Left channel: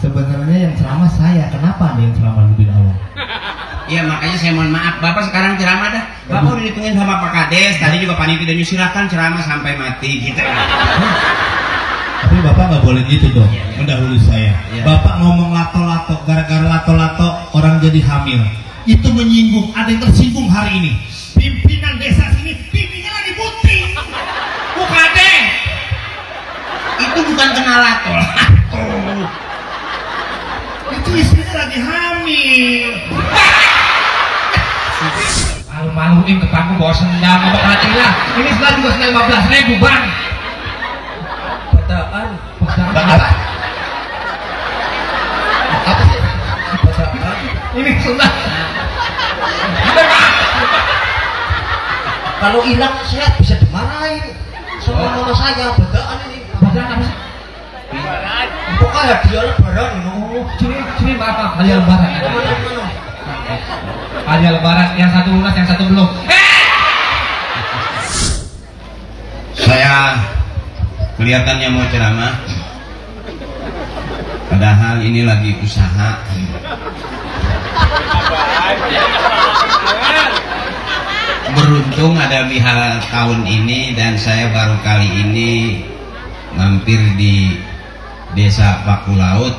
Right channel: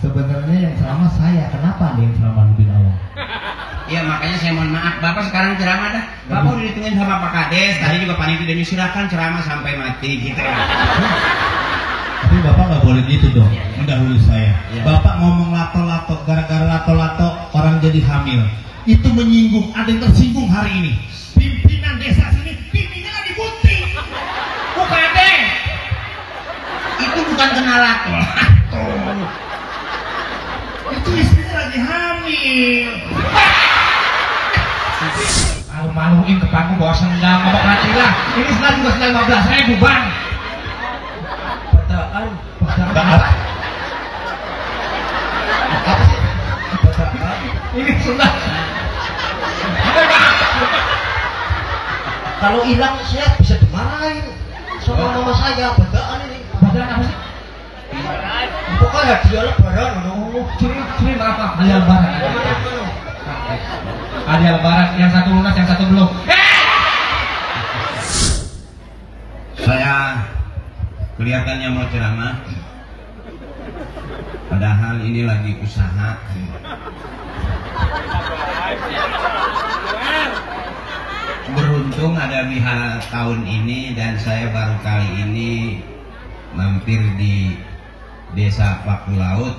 Sebenarnya yang ceramah saya, kenapa nih yang ceramah lebih awal? Iya makanya saya mohon maaf, Bapak sekarang ceramah dah. Bapak udah ditungguin sama Pak Kades, tadi juga panitia dan silakan ceramah sampai mati gitu. Tapi Bapak nggak boleh gitu dong, mendahului saya. Bapak ngomong lato-lato, gara-gara lato-lato orang jadi hamil. Itu menyinggung, ada yang tersinggung hari ini. Pimpinan desa sini, pimpinnya lagi putih. Bukan deh. Itu bukan kena lato. Itu istrinya lagi hamil. Malu-maluin tetangga bawa senjang, abang hati lah. Ini setelah juga senang 15.000 bang. Betaan. Ini sudah. Kalau hilang saya bisa dimarahin sama mama saya. Bedaan ini. Bedaan apa sih? Pokoknya hadiahnya barang. Ciri apa? Hadiah lebaran. Hadiah lebaran yang satu lunas, yang satu belum. Saya kelihatannya mau ceramah, padahal ini lagi usaha. Beruntung ada bihal tahun ini dan saya baru kali ini mampir di desa Paku Laut.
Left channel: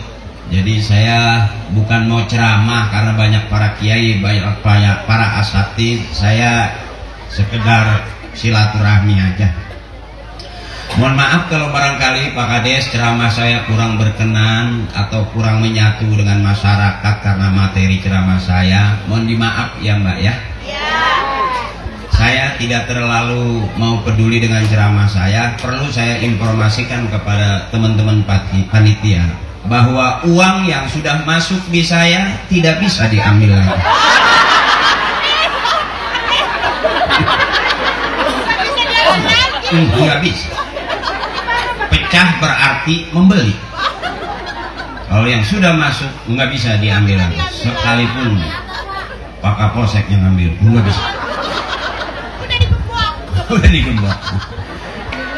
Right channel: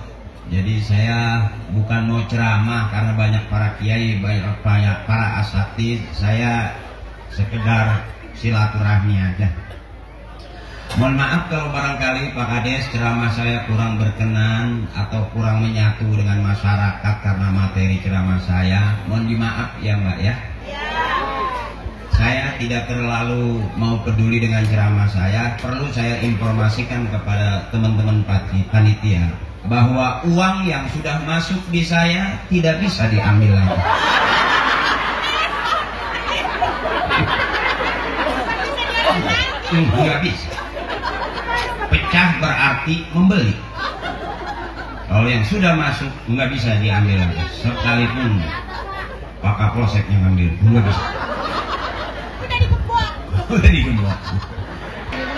Jadi saya bukan mau ceramah karena banyak para kiai, banyak para asatid. Saya sekedar silaturahmi aja. Mohon maaf kalau barangkali Pak Kades ceramah saya kurang berkenan atau kurang menyatu dengan masyarakat karena materi ceramah saya. Mohon dimaaf ya Mbak ya. Saya tidak terlalu mau peduli dengan ceramah saya. Perlu saya informasikan kepada teman-teman panitia bahwa uang yang sudah masuk di saya tidak bisa diambil lagi. Nggak bisa. Pecah berarti membeli. Kalau yang sudah masuk nggak bisa diambil lagi. Sekalipun Pak Kapolsek yang ambil, nggak bisa. Udah digembok.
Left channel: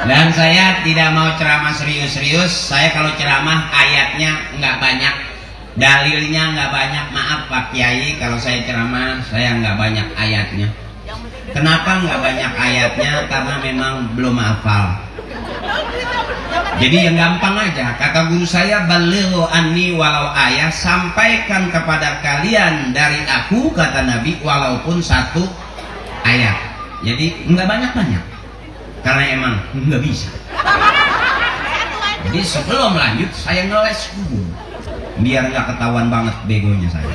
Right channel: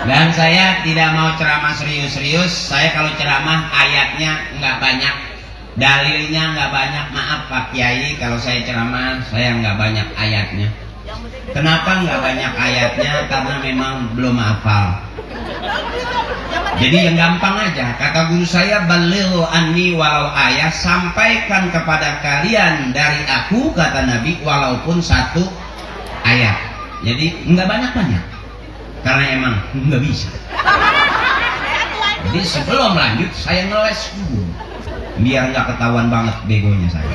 Dan saya tidak mau ceramah serius-serius. Saya kalau ceramah ayatnya nggak banyak, dalilnya nggak banyak. Maaf Pak Kiai, kalau saya ceramah saya nggak banyak ayatnya. Kenapa nggak banyak ayatnya? Karena memang belum hafal. Jadi yang gampang aja. Kata guru saya, balighu anni walau ayat, sampaikan kepada kalian dari aku, kata Nabi, walaupun satu ayat. Jadi nggak banyak-banyak. Karena emang nggak bisa. Jadi sebelum lanjut saya ngeles dulu biar nggak ketahuan banget begonya saya.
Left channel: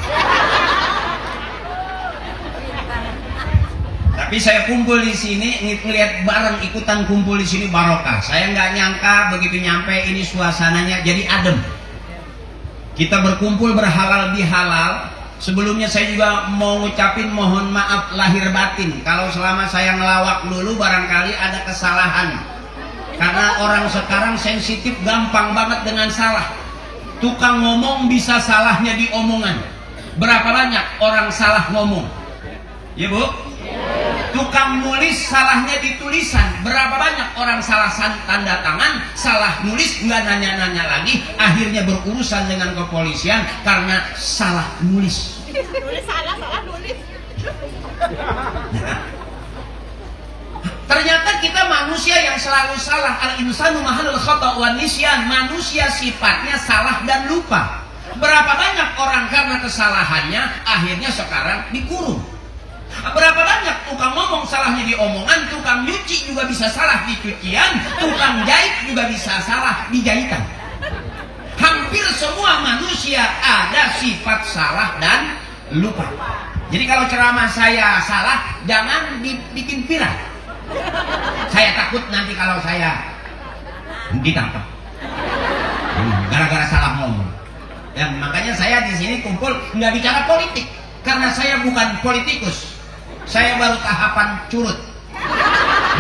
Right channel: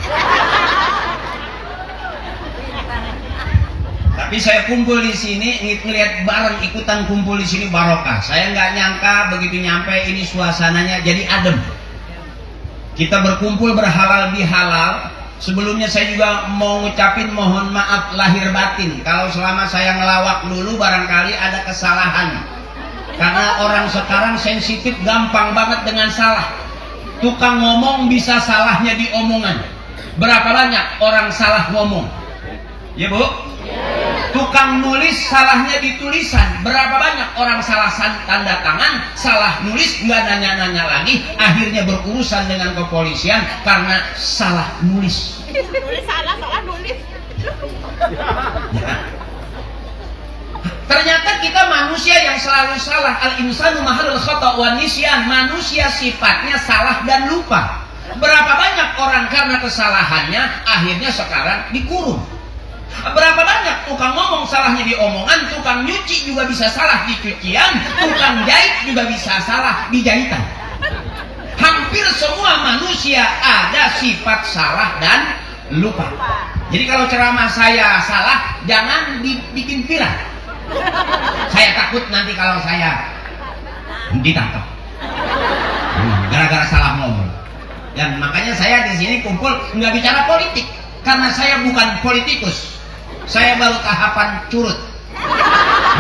Tapi saya kumpul di sini ngeliat bareng ikutan kumpul di sini barokah. Saya nggak nyangka begitu nyampe ini suasananya jadi adem. Kita berkumpul berhalal bihalal. Sebelumnya saya juga mau ngucapin mohon maaf lahir batin kalau selama saya ngelawak dulu barangkali ada kesalahan. Karena orang sekarang sensitif gampang banget dengan salah. Tukang ngomong bisa salahnya di omongan. Berapa banyak orang salah ngomong? Ya Bu? Tukang nulis salahnya di tulisan. Berapa banyak orang salah tanda tangan, salah nulis, nggak nanya-nanya lagi, akhirnya berurusan dengan kepolisian karena salah nulis. Nulis salah nulis. Ternyata kita manusia yang selalu salah. Al-insanu mahallul khata' wa nisyan. Manusia sifatnya salah dan lupa. Berapa banyak orang karena kesalahannya akhirnya sekarang dikurung. Berapa banyak tukang ngomong salahnya di omongan, tukang nyuci juga bisa salah di cucian, tukang jahit juga bisa salah di jahitan. Hampir semua manusia ada sifat salah dan lupa. Jadi kalau ceramah saya salah, jangan dibikin viral. Saya takut nanti kalau saya ditangkap gara-gara salah ngomong. Dan makanya saya di sini kumpul nggak bicara politik, karena saya bukan politikus. Saya baru tahapan curut,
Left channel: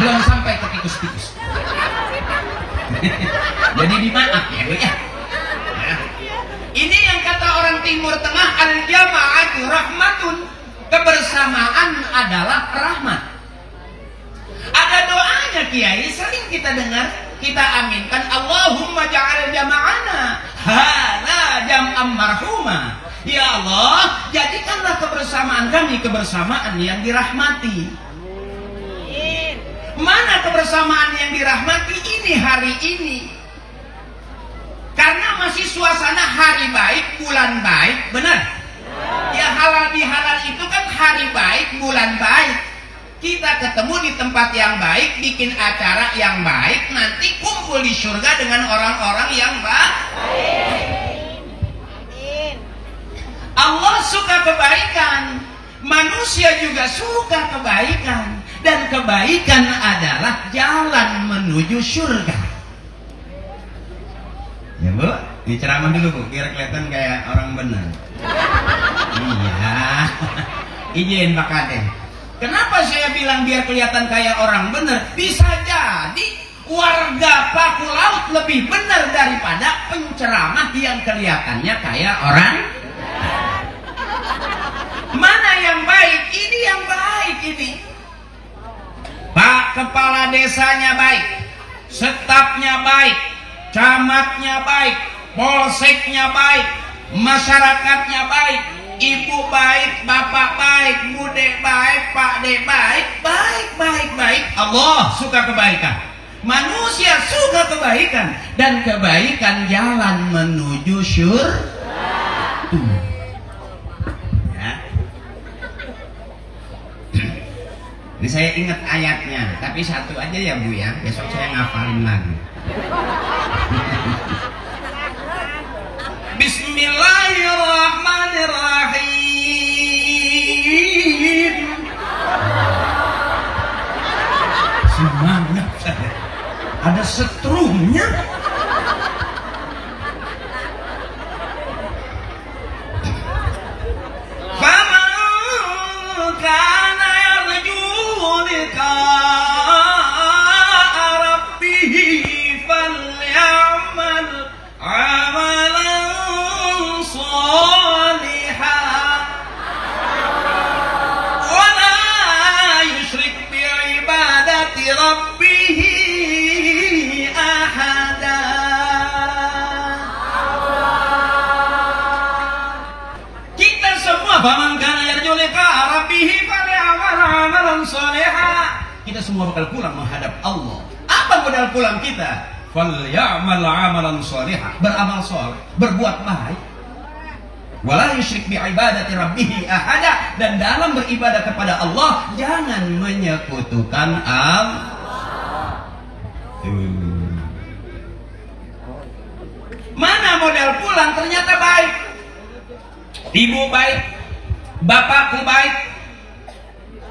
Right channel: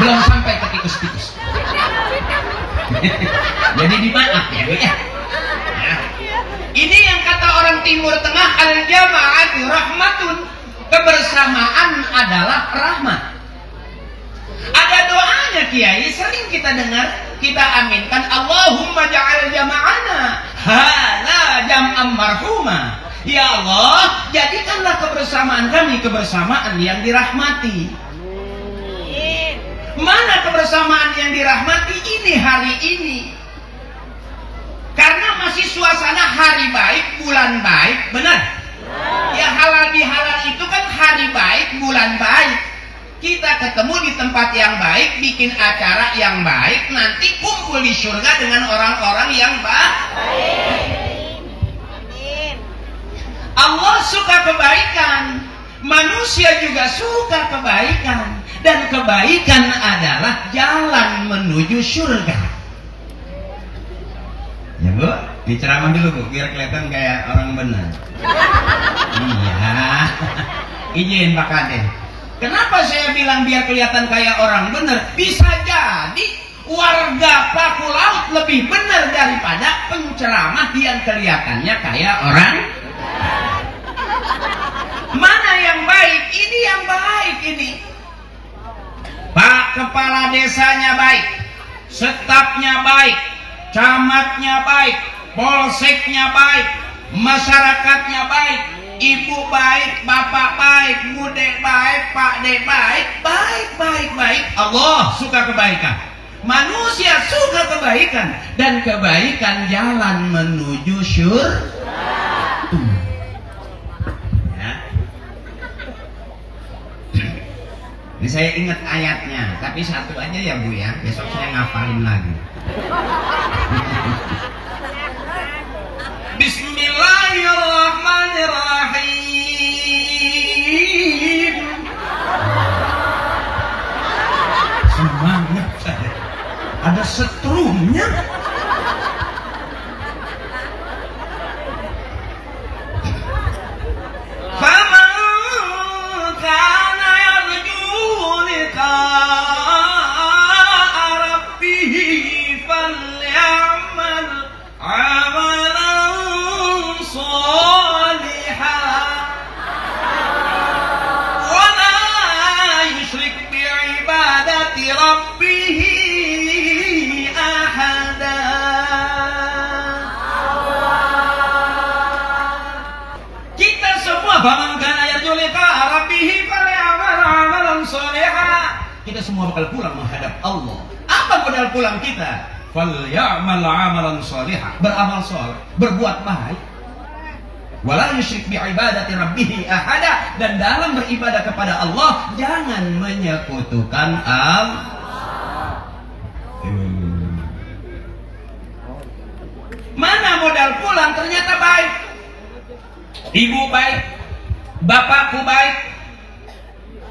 belum sampai ke tikus-tikus. Jadi dimaaf ya Bu ya. Ini yang kata orang Timur Tengah, al-jama'atu rahmatun, kebersamaan adalah rahmat. Ada doanya Kiai, sering kita dengar, kita aminkan, Allahumma ja'al jama'ana hala marhumah. Ya Allah, jadikanlah kebersamaan kami kebersamaan yang dirahmati. Mana kebersamaan yang dirahmati ini hari ini? Karena masih suasana hari baik, bulan baik, benar? Ya halal bihalal itu kan hari baik, bulan baik. Kita ketemu di tempat yang baik, bikin acara yang baik, nanti kumpul di surga dengan orang-orang yang baik. Allah suka kebaikan, manusia juga suka kebaikan, dan kebaikan adalah jalan menuju surga. Ya Bu, diceramah dulu Bu, biar kelihatan kayak orang benar. Iya, izin Pak Kades. Kenapa saya bilang biar kelihatan kayak orang benar? Bisa jadi warga Paku Laut lebih benar daripada penceramah yang kelihatannya kayak orang. Mana yang baik? Ini yang baik ini. Pak Kepala Desanya baik, stafnya baik, camatnya baik, polseknya baik, masyarakatnya baik, ibu baik, bapak baik, bude baik, pak de baik, baik. Allah suka kebaikan. Manusia suka kebaikan, dan kebaikan jalan menuju surga. Ini saya ingat ayatnya, tapi satu aja ya Bu ya, besok saya ngafalin lagi. Bismillahirrahmanirrahim. Semangat saya. Ada setrumnya. Kita semua bakal pulang menghadap Allah. Apa modal pulang kita? Falyamal 'amalan shalihan, beramal saleh, berbuat baik. Wala yusyrik bi ibadati rabbih ahada, dan dalam beribadah kepada Allah jangan menyekutukan Allah. Mana modal pulang? Ternyata baik. Ibu baik, bapakku baik,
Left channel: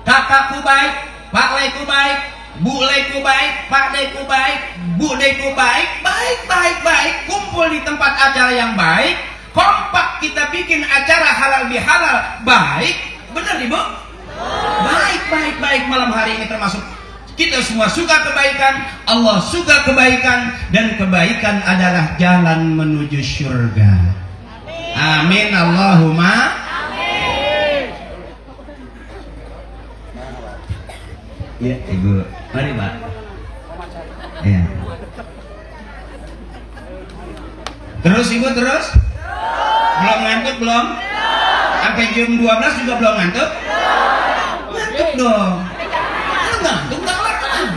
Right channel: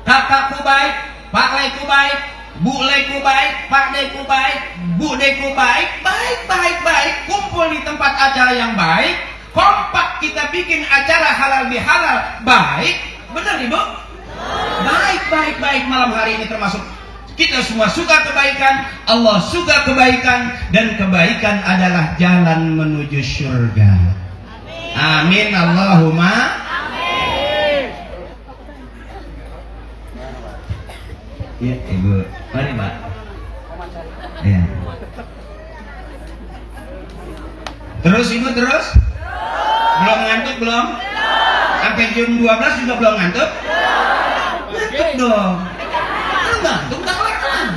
kakakku baik, Pak Leku baik, Bu Leku baik, Pak Deku baik, Bu Deku baik, baik. Kumpul di tempat acara yang baik, kompak kita bikin acara halal bihalal, baik, benar Ibu? Baik malam hari ini termasuk kita semua suka kebaikan, Allah suka kebaikan, dan kebaikan adalah jalan menuju surga. Amin Allahumma. Ya, Ibu. Mari, Pak. Ya. Terus Ibu terus? Belum ngantuk belum? Sampai jam 12 juga belum ngantuk? Ngantuk dong. Ngantuk tak lakukan.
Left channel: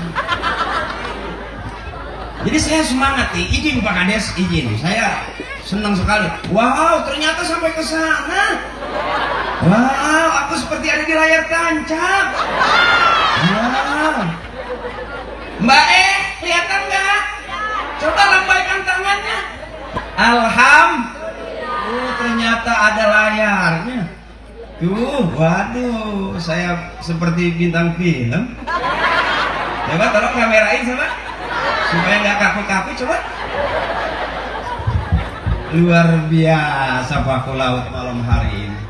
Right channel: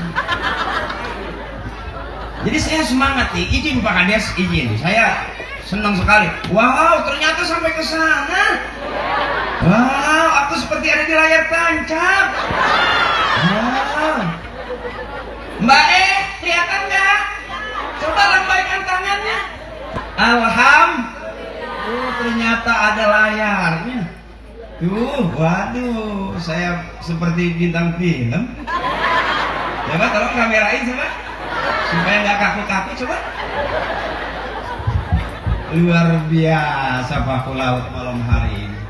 Jadi saya semangat nih. Izin Pak Kades, izin. Saya senang sekali. Wow, ternyata sampai ke sana. Wow, aku seperti ada di layar tancap. Wow. Mbak kelihatan nggak? Coba lambaikan tangannya. Alhamdulillah, ternyata ada layarnya. Waduh, saya seperti bintang film. Coba tolong kamerain coba, supaya nggak kaku-kaku coba. Luar biasa Paku Laut malam hari ini.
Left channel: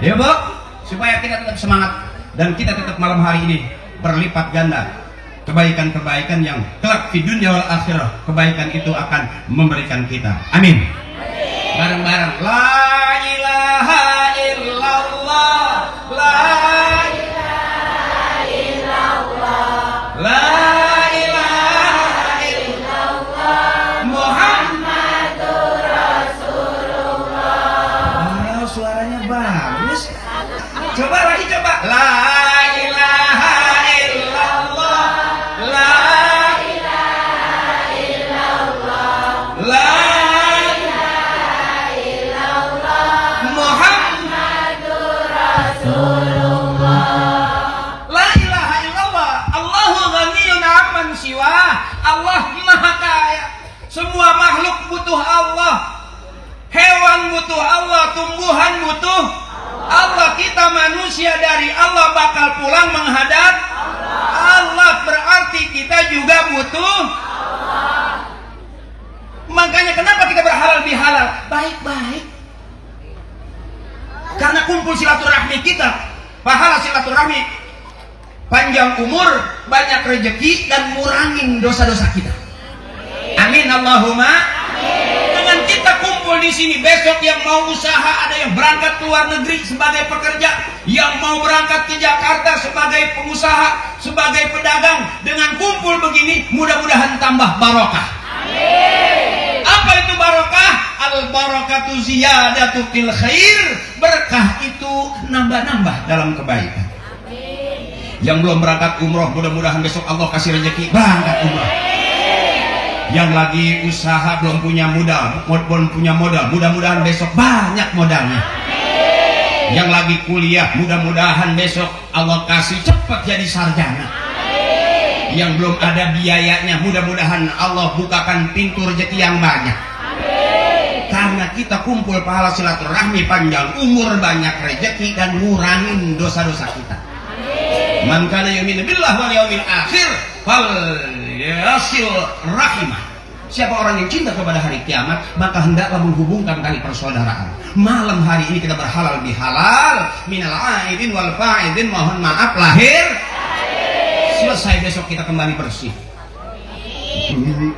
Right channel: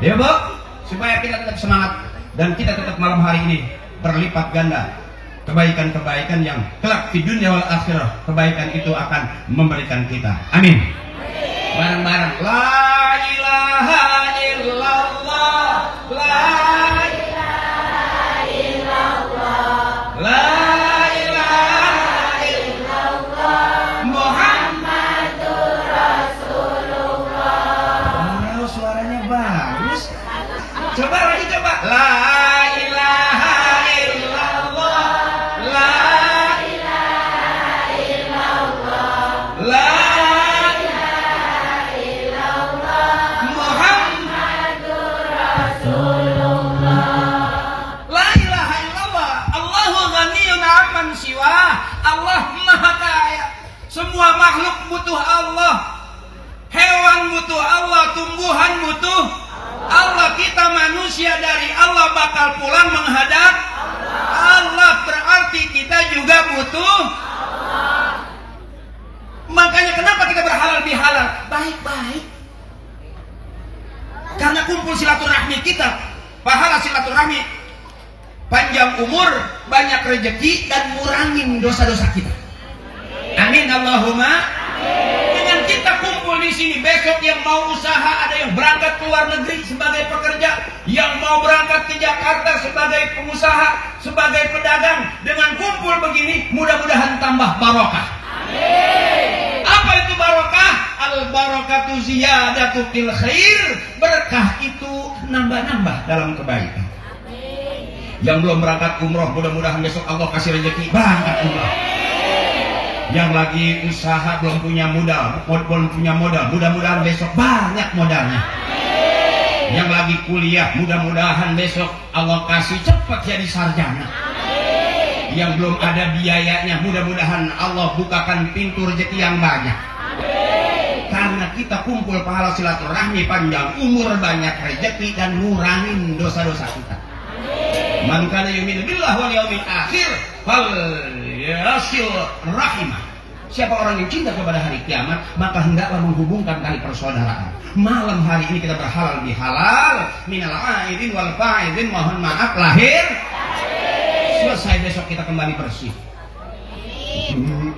Ya Bu, supaya kita tetap semangat dan kita tetap malam hari ini berlipat ganda kebaikan-kebaikan yang kelak di dunia wal akhirah, kebaikan itu akan memberikan kita. Amin. Bareng-bareng. La ilaha illallah, la ilaha illallah, la ilaha illallah, Muhammadur Rasulullah. Coba lagi coba. La ilaha illallah. La ilaha illallah. La ilaha illallah. Muhammadur Rasulullah. La ilaha illallah. Allahu ghaniyun 'amman siwa. Allah Maha Kaya. Semua makhluk butuh Allah. Hewan butuh Allah, tumbuhan butuh Allah. Kita manusia dari Allah bakal pulang menghadap Allah. Berarti kita juga butuh Allah. Makanya kenapa kita berhalal bihalal? Baik-baik. Karena kumpul silaturahmi kita. Pahala silaturahmi, panjang umur, banyak rezeki, dan ngurangin dosa-dosa kita. Amin Allahumma. Dengan kita kumpul di sini besok, yang mau usaha, ada yang berangkat ke luar negeri sebagai pekerja, yang mau berangkat ke Jakarta sebagai pengusaha, sebagai pedagang. Dengan kumpul begini, mudah-mudahan tambah barokah. Amin. Apa itu barokah? Al barakatu ziyadatu fil khair. Berkah itu nambah-nambah dalam kebaikan. Amin. Yang belum berangkat umroh, mudah-mudahan besok Allah kasih rezeki berangkat umroh. Yang lagi usaha belum punya modal, mudah-mudahan besok banyak modalnya. Amin. Yang lagi kuliah, mudah-mudahan besok Allah kasih cepat jadi sarjana. Amin. Yang belum ada biayanya, mudah-mudahan Allah bukakan pintu rezeki yang banyak. Amin. Karena kita kumpul pahala silaturahmi, panjang umur, banyak rezeki, dan ngurangin dosa-dosa kita. Amin. Man kana yu'minu billahi wal yawmil akhir yasil rahimah. Siapa orang yang cinta kepada hari kiamat, maka hendaklah menghubungkan tali persaudaraan. Malam hari ini kita berhalal bihalal, minal aidin wal faidin, mohon maaf lahir. Selesai, besok kita kembali bersih.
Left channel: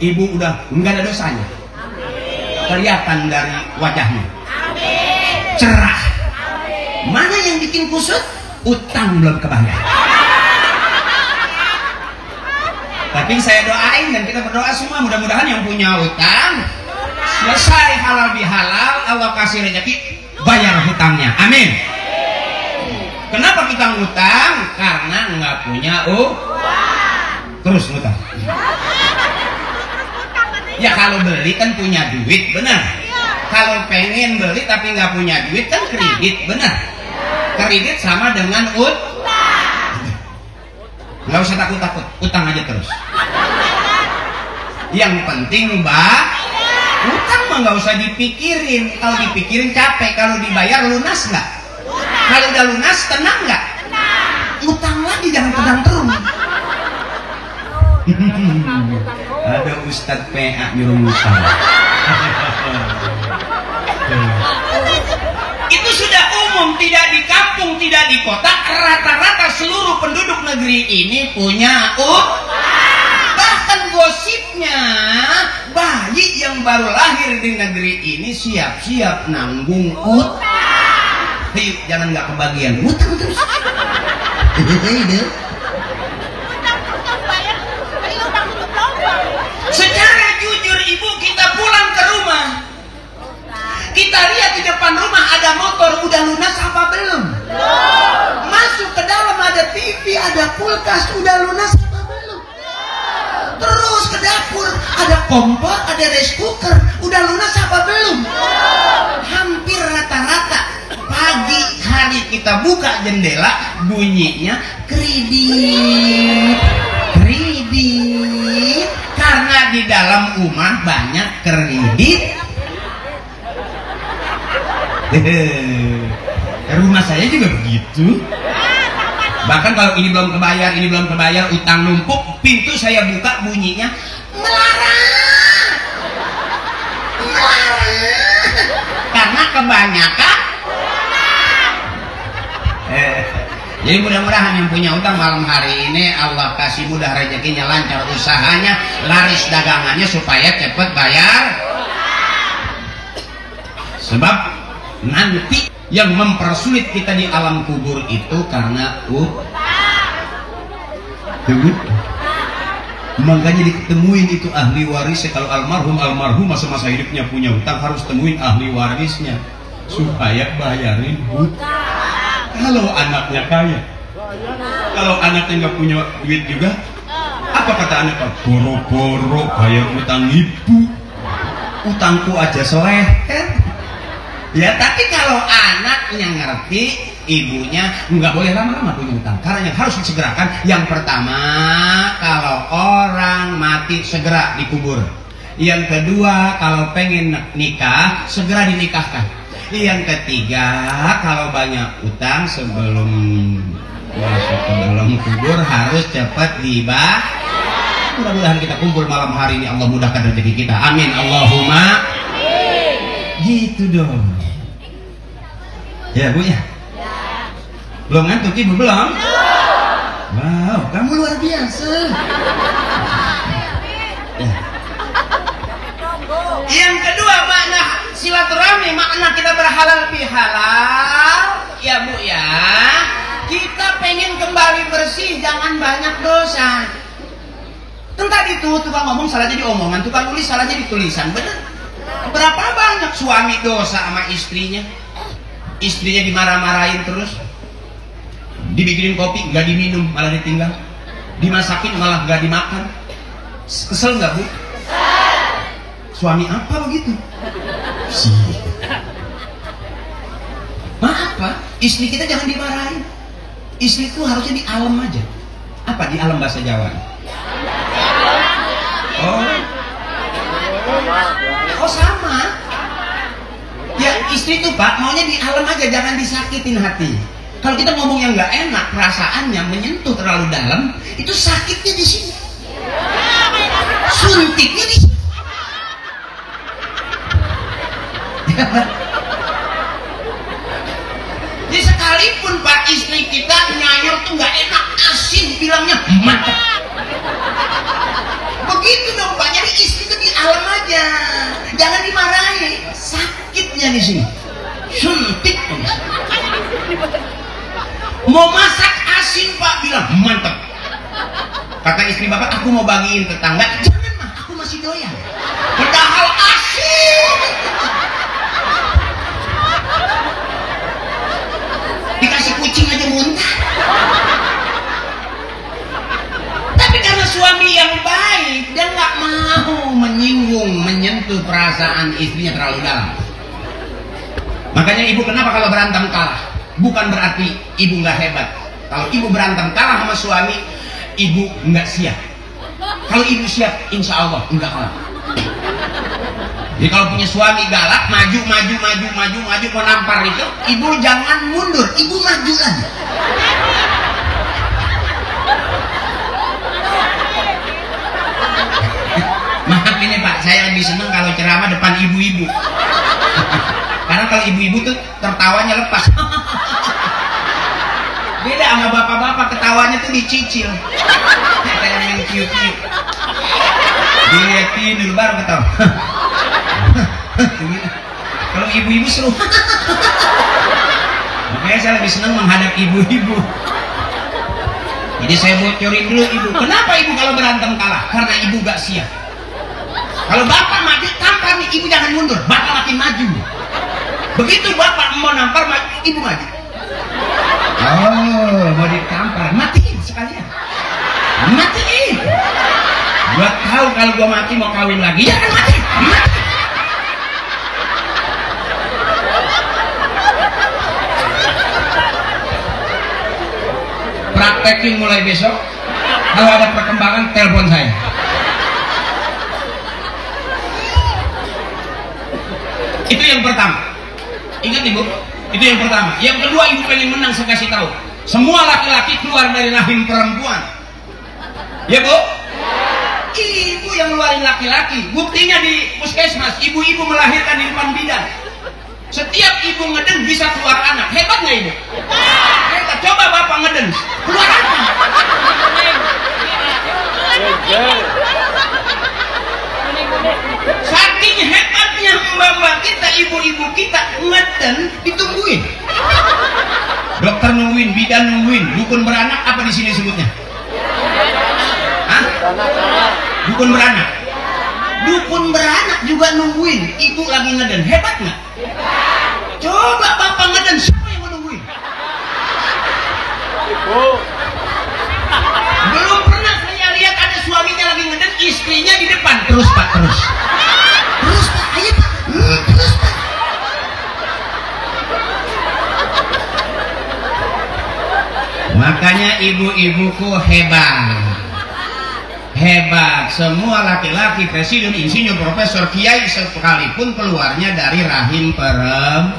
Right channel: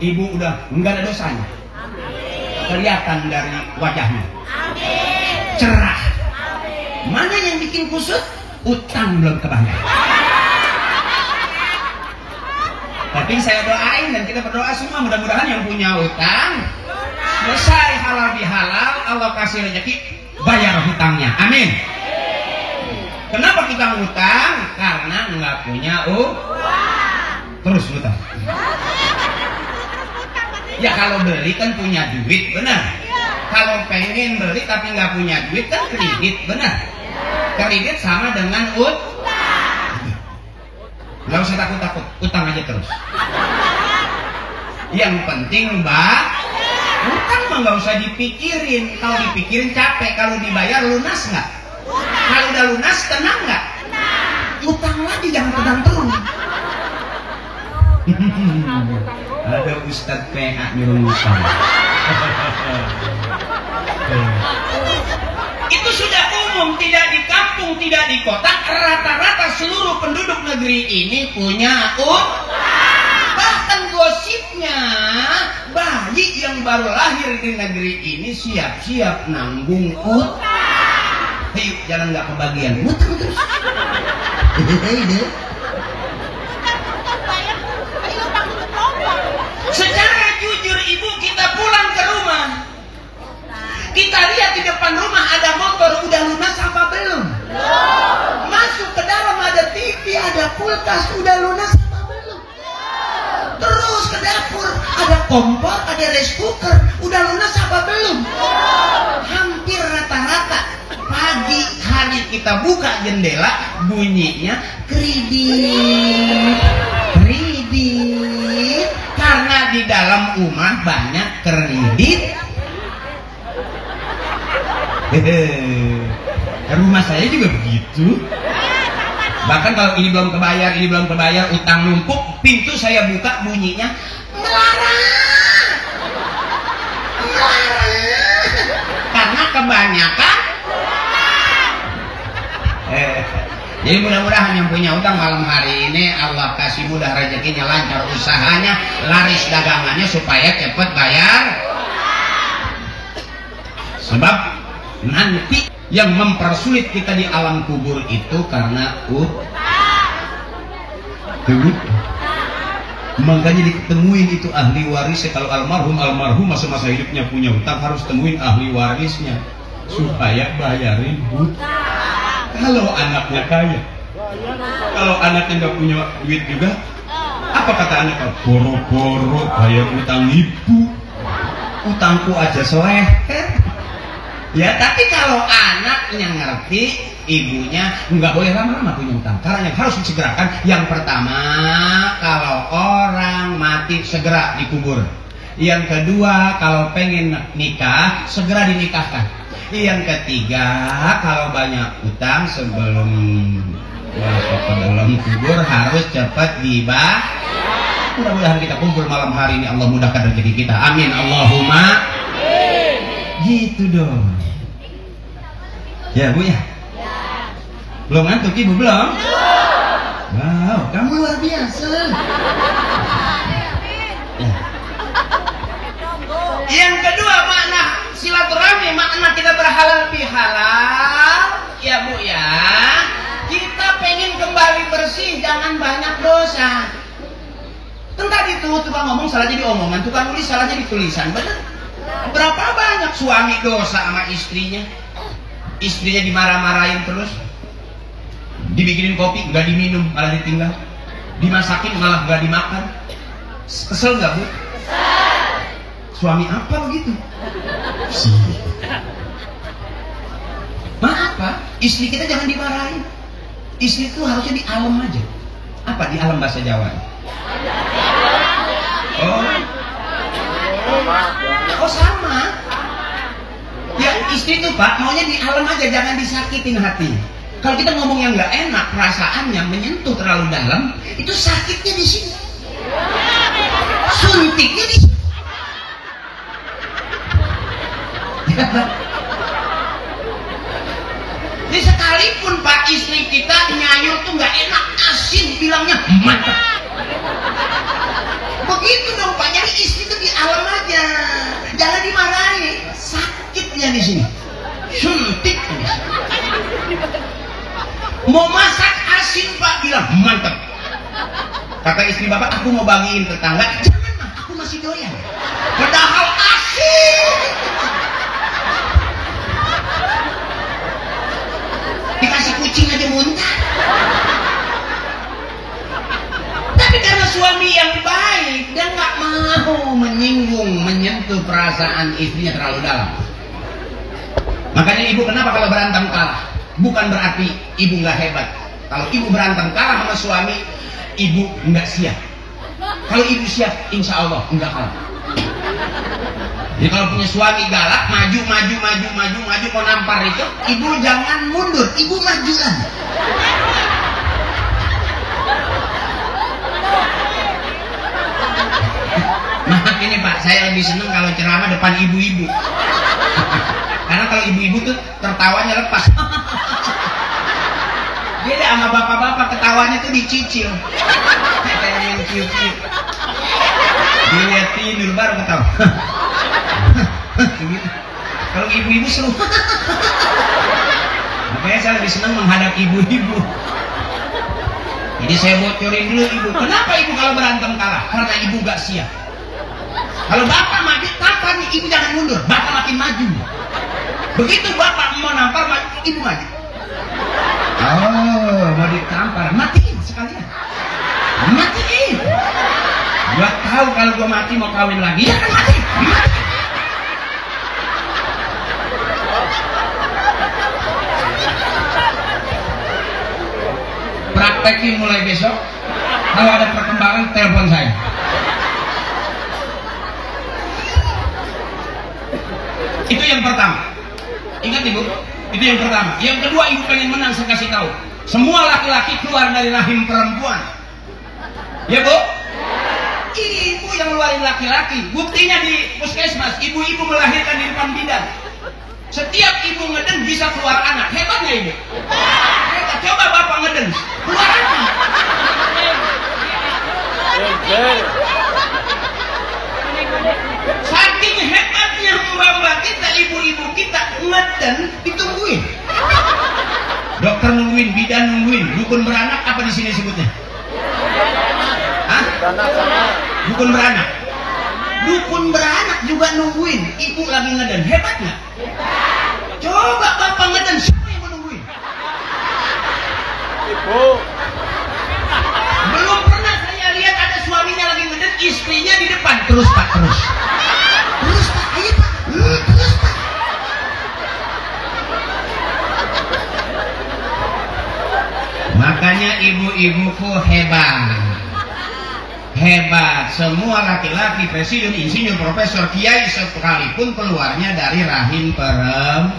Ibu udah enggak ada dosanya. Kelihatan dari wajahnya. Cerah. Mana yang bikin kusut? Utang belum kebayar. Tapi saya doain dan kita berdoa semua, mudah-mudahan yang punya utang selesai halal bihalal, Allah kasih rezeki, bayar hutangnya. Amin. Kenapa kita ngutang? Karena nggak punya uang. Terus ngutang. Ya kalau beli kan punya duit, benar. Kalau pengen beli tapi nggak punya duit kan kredit, benar. Kredit sama dengan utang. Gak usah takut-takut, utang aja terus. Yang penting Mbak, utang mah gak usah dipikirin. Kalau dipikirin capek, kalau dibayar lunas gak? Kalau udah lunas tenang gak? Utang lagi, jangan pedang terus. Ada Ustadz PA nyuruh utang. Itu sudah umum, tidak di kampung, tidak di kota. Rata-rata seluruh penduduk negeri ini punya utang. Bahkan gosipnya, bayi yang baru lahir di negeri ini siap-siap nanggung utang. Ayo, jangan nggak kebagian utang terus. Secara jujur ibu, kita pulang ke rumah, kita lihat di depan rumah ada motor, udah lunas apa belum? Masuk ke dalam ada TV, ada kulkas, udah lunas apa belum? Terus ke dapur ada kompor, ada rice cooker, udah lunas apa belum? Hampir rata-rata pagi hari kita buka jendela, bunyinya kredit, karena di dalam rumah banyak kredit. Rumah saya juga begitu. Bahkan kalau ini belum kebayar, utang numpuk, pintu saya buka bunyinya melarang. Karena kebanyakan. Jadi mudah-mudahan yang punya utang malam hari ini Allah kasih mudah rezekinya, lancar usahanya, laris dagangannya supaya cepat bayar. Sebab nanti yang mempersulit kita di alam kubur itu karena makanya diketemuin itu ahli waris. Kalau almarhum masa-masa hidupnya punya hutang, harus temuin ahli warisnya supaya bayarin hutang. Kalau anaknya kaya, kalau anaknya nggak punya duit juga, apa kata anaknya? Boro-boro bayar utang ibu, utangku aja soreher. Ya, tapi kalau anaknya ngerti, ibunya nggak boleh lama-lama punya utang, karena yang harus disegerakan yang pertama, kalau orang mati segera dikubur. Yang kedua, kalau pengen nikah segera dinikahkan. Yang ketiga, kalau banyak utang sebelum kubur harus cepat dibah. Mudah-mudahan kita kumpul malam hari ini, Allah mudahkan rezeki kita. Amin Allahumma. Gitu dong. Ya Bu ya? Belum ngantuk Ibu belum? Wow, kamu luar biasa. Yang kedua, makna silaturahmi, makna kita berhalal bihalal, ya Bu ya. Kita pengen kembali bersih, jangan banyak dosa. Kan tadi tuh tukang ngomong salah jadi omongan, tukang nulis salah jadi tulisan, bener? Berapa banyak suami dosa sama istrinya? Istrinya dimarah-marahin terus, dibikinin kopi nggak diminum malah ditinggal, dimasakin malah nggak dimakan. Kesel nggak Bu? Suami apa begitu? Maaf Pak, istri kita jangan dimarahin. Istri itu harusnya di alam aja. Apa di alam bahasa Jawa? Oh sama. Ya istri itu Pak maunya di alam aja, jangan disakitin hati. Kalau kita ngomong yang nggak enak, perasaannya menyentuh terlalu dalam, itu sakitnya di sini, suntiknya di sini. Jadi sekalipun Pak istri kita nyayur tuh nggak enak, asin, bilangnya mantap. Begitu dong Pak, jadi istri itu di alam aja, jangan dimarahi, sakitnya di sini, suntik. Mau masak asin Pak, bilang mantap. Kata istri Bapak, aku mau bagiin tetangga. Jangan Mah, aku masih doyan. Padahal asin. Dikasih kucing aja muntah. Tapi karena suami yang baik, dia nggak mau menyinggung, menyentuh perasaan istrinya terlalu dalam. Makanya ibu kenapa kalau berantem kalah? Bukan berarti ibu nggak hebat. Kalau ibu berantem kalah sama suami, ibu nggak siap. Kalau ibu siap, insya Allah nggak kalah. Jadi kalau punya suami galak, maju mau nampar itu, ibu jangan mundur, ibu maju aja. Maaf ini Pak, saya lebih senang kalau ceramah depan ibu-ibu. Karena kalau ibu-ibu tuh tertawanya lepas. Beda sama bapak-bapak, ketawanya tuh dicicil. Kayak yang cicil. Dilihat tidur baru ketawa. Kalau ibu-ibu seru. Makanya saya lebih senang menghadap ibu-ibu. Jadi saya bocorin dulu ibu. Kenapa ibu kalau berantem kalah? Karena ibu gak siap. Kalau bapak maju, tampar nih, ibu jangan mundur. Bapak makin maju. Begitu bapak mau nampar, ibu maju. Oh, mau ditampar, matiin sekalian. Matiin. Gua tahu kalau gua mati mau kawin lagi. Jangan mati. Praktekin mulai besok. Kalau ada perkembangan, telepon saya. Itu yang pertama. Ingat ibu, itu yang pertama. Yang kedua, ibu pengen menang, saya kasih tahu. Semua laki-laki keluar dari rahim perempuan. Ya Bu? Ibu yang ngeluarin laki-laki. Buktinya di puskesmas, ibu-ibu melahirkan di depan bidan. Setiap ibu ngeden bisa keluar anak. Hebat nggak ibu? Hebat. Coba bapak ngeden, keluar anak. Saking hebatnya mbak kita, ibu-ibu kita ngeden ditungguin. Dokter nungguin, bidan nungguin, dukun beranak apa di sini sebutnya? Hah? Dukun beranak. Dukun beranak juga nungguin, ibu lagi ngeden. Hebat nggak? Coba bapak ngeden, siapa yang menungguin? terus Pak, ayo Pak, terus Pak. Makanya ibu-ibuku hebat. Semua laki-laki presiden, insinyur, profesor, kiai sekalipun keluarnya dari rahim perempuan.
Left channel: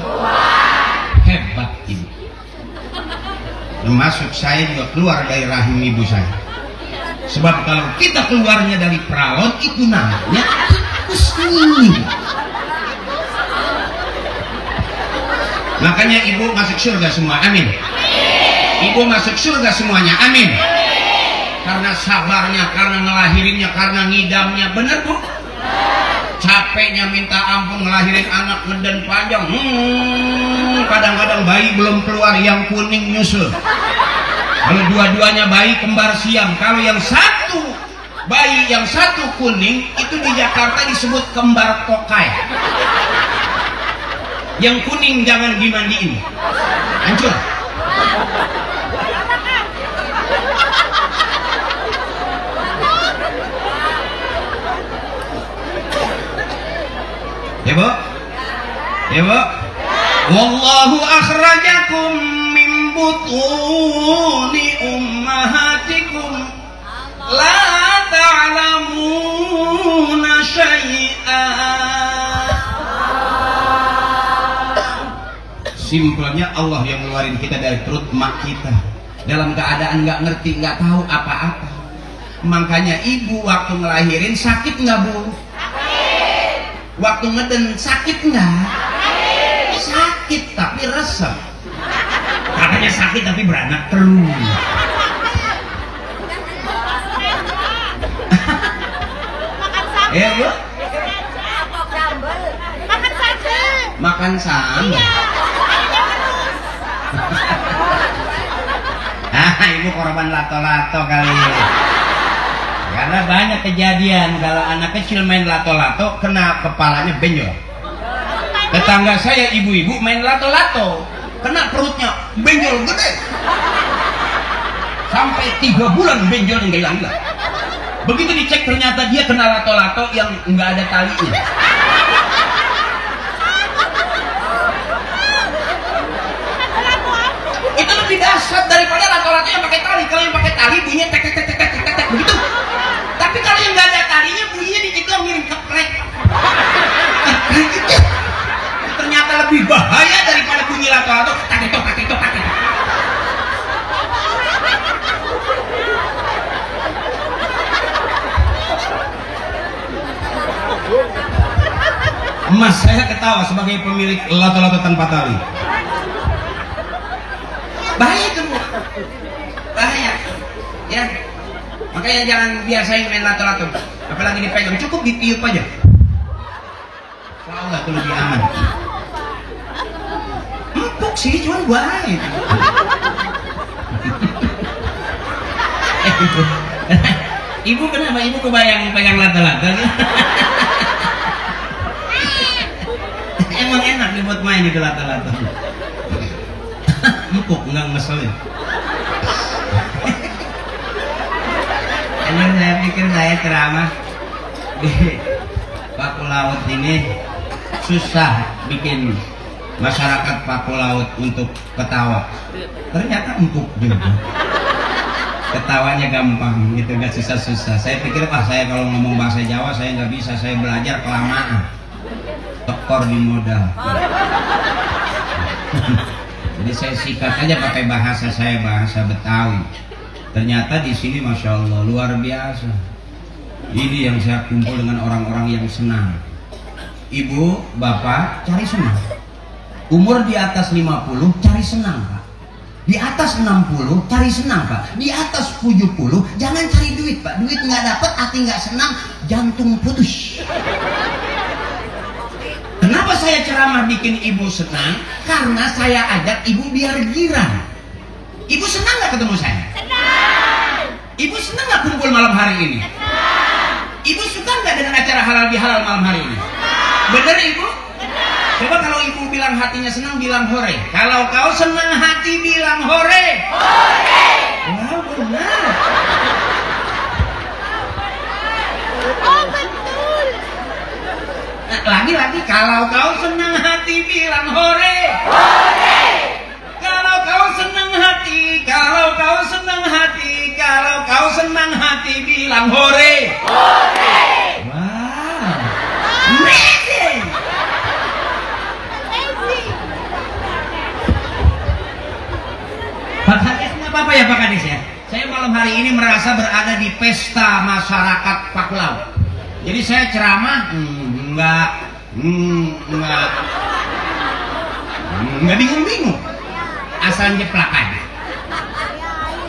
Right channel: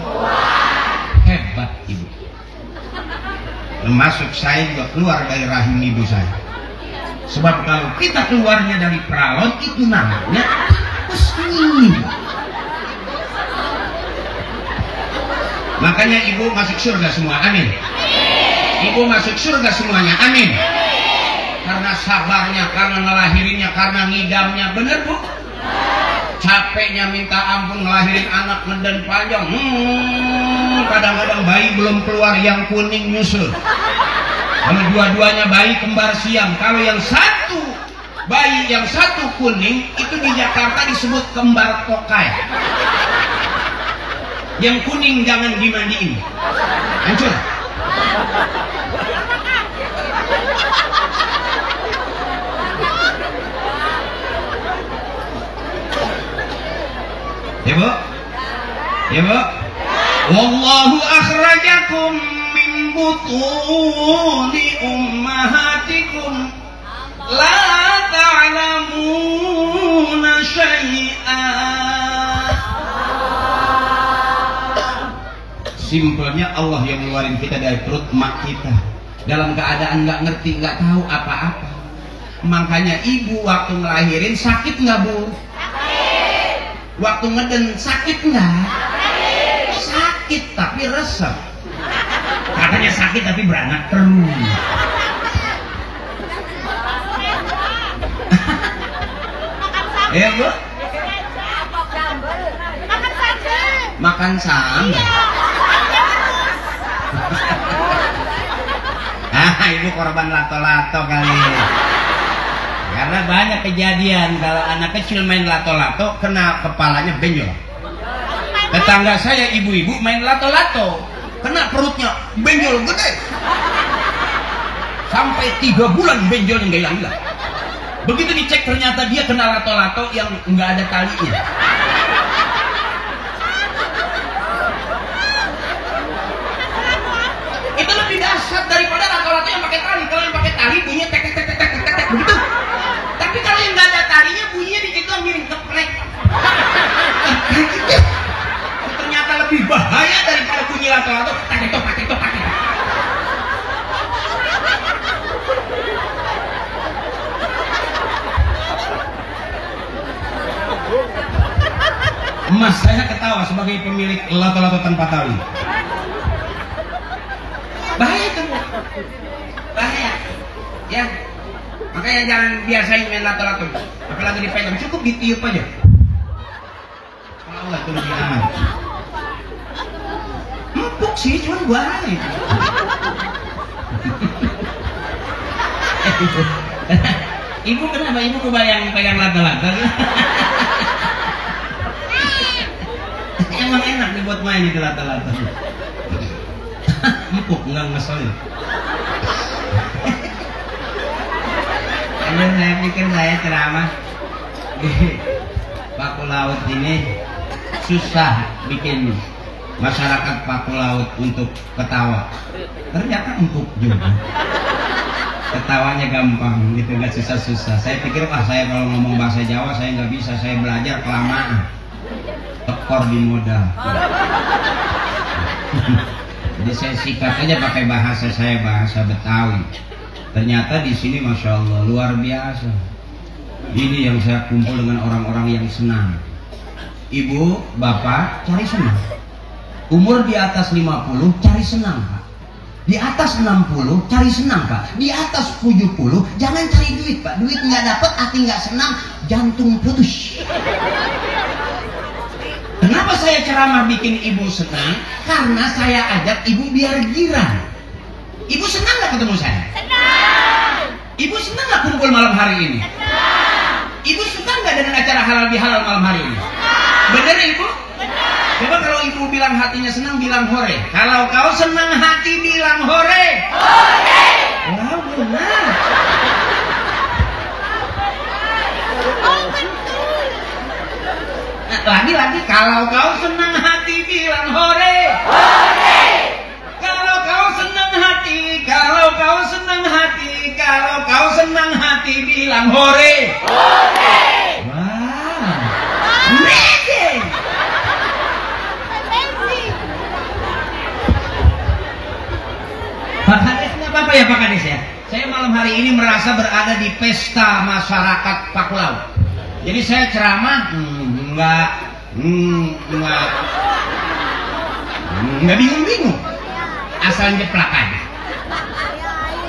Hebat ibu. Termasuk saya juga keluar dari rahim ibu saya. Sebab kalau kita keluarnya dari pralon itu namanya pusing. Makanya ibu masuk surga semua, amin. Ibu masuk surga semuanya, amin. Karena sabarnya, karena ngelahirinnya, karena ngidamnya, bener bu? Capeknya minta ampun ngelahirin anak ngeden panjang. Kadang-kadang bayi belum keluar yang kuning nyusul. Kalau dua-duanya bayi kembar siam. Kalau yang satu bayi yang satu kuning itu di Jakarta disebut kembar tokai. Yang kuning jangan dimandiin, hancur. Ibu, ibu, wallahu akhrajakum min butuni ummahatikum la ta'lamuna syai'an. Simpelnya Allah yang ngeluarin kita dari perut mak kita dalam keadaan nggak ngerti, nggak tahu apa-apa. Makanya ibu waktu ngelahirin sakit nggak bu? Waktu ngeden sakit nggak? Sakit tapi resep. Katanya sakit tapi beranak terus. Ya bu? Makan sambal. Nah, ibu korban lato-lato kali ini. Karena banyak kejadian kalau anak kecil main lato-lato kena kepalanya benjol. Tetangga saya ibu-ibu main lato-lato kena perutnya benjol gede. Sampai 3 bulan benjol nggak hilang. Begitu dicek ternyata dia kena lato-lato yang nggak ada talinya. Itu lebih dahsyat daripada lato-lato yang pakai tali. Kalau yang pakai tali bunyinya tek tek tek tek tek begitu. Tapi kalau yang nggak ada talinya bunyinya dikit doang mirip keprek. Ternyata lebih bahaya daripada bunyi lato-lato. Tak ketok tak ketok tak ketok. Emas saya ketawa sebagai pemilik lato-lato tanpa tali. Bahaya itu bu, bahaya. Ya, makanya jangan biasain main lato-lato. Apalagi dipegang, cukup ditiup aja. Tahu nggak tuh lebih aman. Empuk sih, cuma bahaya. Ibu kenapa? Ibu kebayang pegang lato-lato? Emang enak dibuat main itu lato-lato. Empuk, enggak ngeselin. Emang saya pikir saya ceramah di Paku Laut ini susah bikin masyarakat Paku Laut untuk ketawa. Ternyata empuk juga. Ketawanya gampang gitu, nggak susah-susah. Saya pikir saya kalau ngomong bahasa Jawa saya nggak bisa, saya belajar kelamaan. Tekor di modal. Jadi saya sikat aja pakai bahasa saya, bahasa Betawi. Ternyata di sini masya Allah luar biasa. Ini yang saya kumpul dengan orang-orang yang senang. Ibu, bapak cari senang. Umur di atas 50 cari senang pak. Di atas 60 cari senang pak. Di atas 70 jangan cari duit pak. Duit nggak dapat, hati nggak senang, jantung putus. Kenapa saya ceramah bikin ibu senang? Karena saya ajak ibu biar girang. Ibu senang gak ketemu saya? Senang. Ibu senang gak kumpul malam hari ini? Senang. Ibu senang gak dengan acara halal bihalal malam hari ini? Senang. Benar ibu? Benar. Coba kalau ibu bilang hatinya senang, bilang hore. Kalau kau senang hati, bilang hore. Hore. Wow, benar. Oh betul. lagi kalau kau senang hati bilang hore. Kalau kau senang hati, kalau kau senang hati, kalau kau senang hati bilang hore. Wow. Amazing. Pak Kades nggak apa-apa ya Pak Kades ya. Saya malam hari ini merasa berada di pesta masyarakat Pakulau. Jadi saya ceramah enggak bingung-bingung, asal nyeplak aja.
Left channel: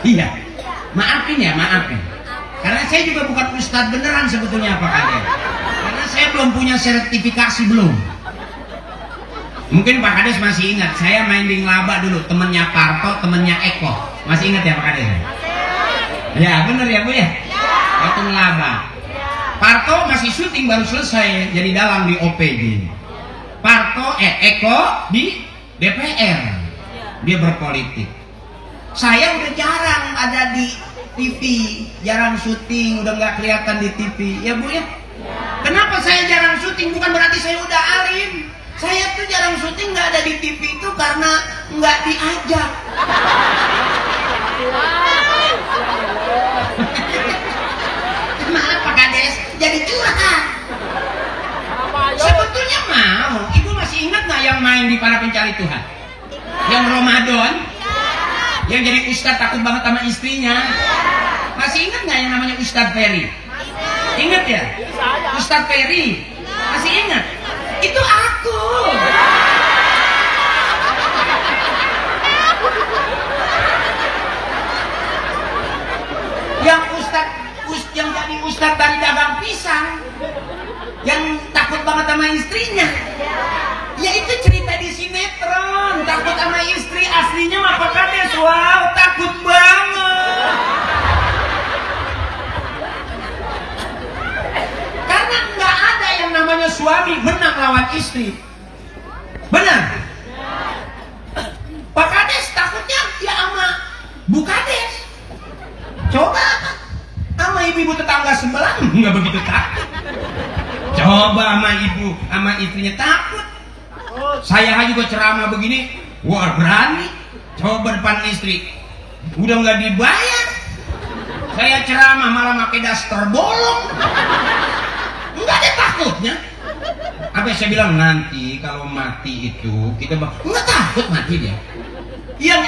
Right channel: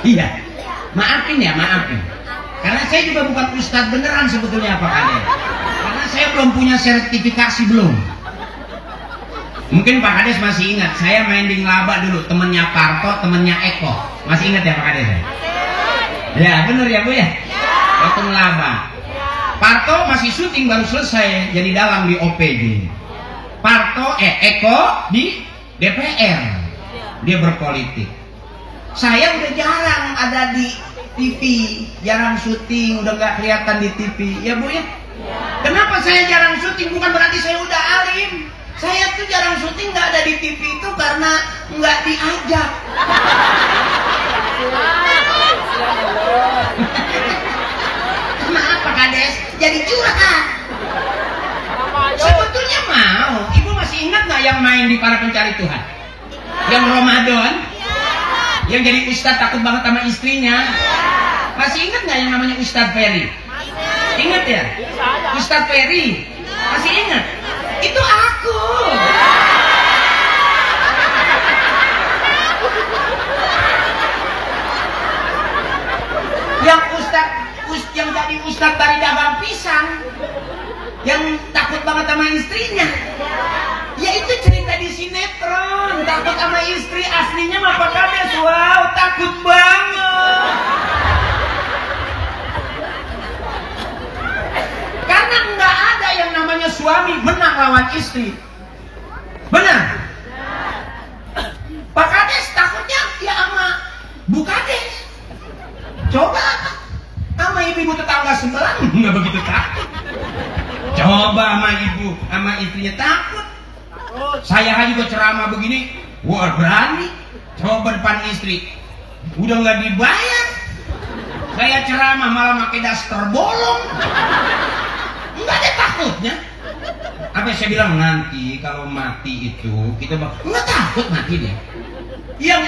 Iya, maafin. Karena saya juga bukan ustadz beneran sebetulnya Pak Kades. Karena saya belum punya sertifikasi belum. Mungkin Pak Kades masih ingat, saya main di Ngelaba dulu, temennya Parto, temennya Eko. Masih ingat ya Pak Kades? Ya bener ya Bu ya? Waktu Ngelaba. Parto masih syuting baru selesai, jadi dalang di OPG. Eko di DPR, dia berpolitik. Saya udah jarang ada di TV, jarang syuting, udah nggak kelihatan di TV, ya Bu ya? Kenapa saya jarang syuting? Bukan berarti saya udah alim. Saya tuh jarang syuting nggak ada di TV itu karena nggak diajak. Kenapa Kades? Jadi curhat. Sebetulnya mau. Ibu masih ingat nggak yang main di Para Pencari Tuhan? Yang Ramadan? Yang jadi ustadz takut banget sama istrinya? Masih ingat nggak yang namanya Ustadz Ferry? Ingat ya? Ustadz Ferry? Masih ingat? Itu aku. Yang jadi ustadz dari dagang pisang, yang takut banget sama istrinya. Ya itu cerita di sinetron. Takut sama istri, aslinya mah Pak Kades. Wow, takut banget. Karena nggak ada yang namanya suami menang lawan istri. Benar? Pak Kades takutnya ya sama Bu Kades. Coba sama ibu tetangga sebelah nggak begitu takut. Coba sama istrinya takut. Saya juga ceramah begini, wah berani. Coba depan istri, udah nggak dibayar. Saya ceramah malah pakai daster bolong. Nggak ada takutnya. Apa yang saya bilang, nanti kalau mati itu kita nggak takut mati dia. Yang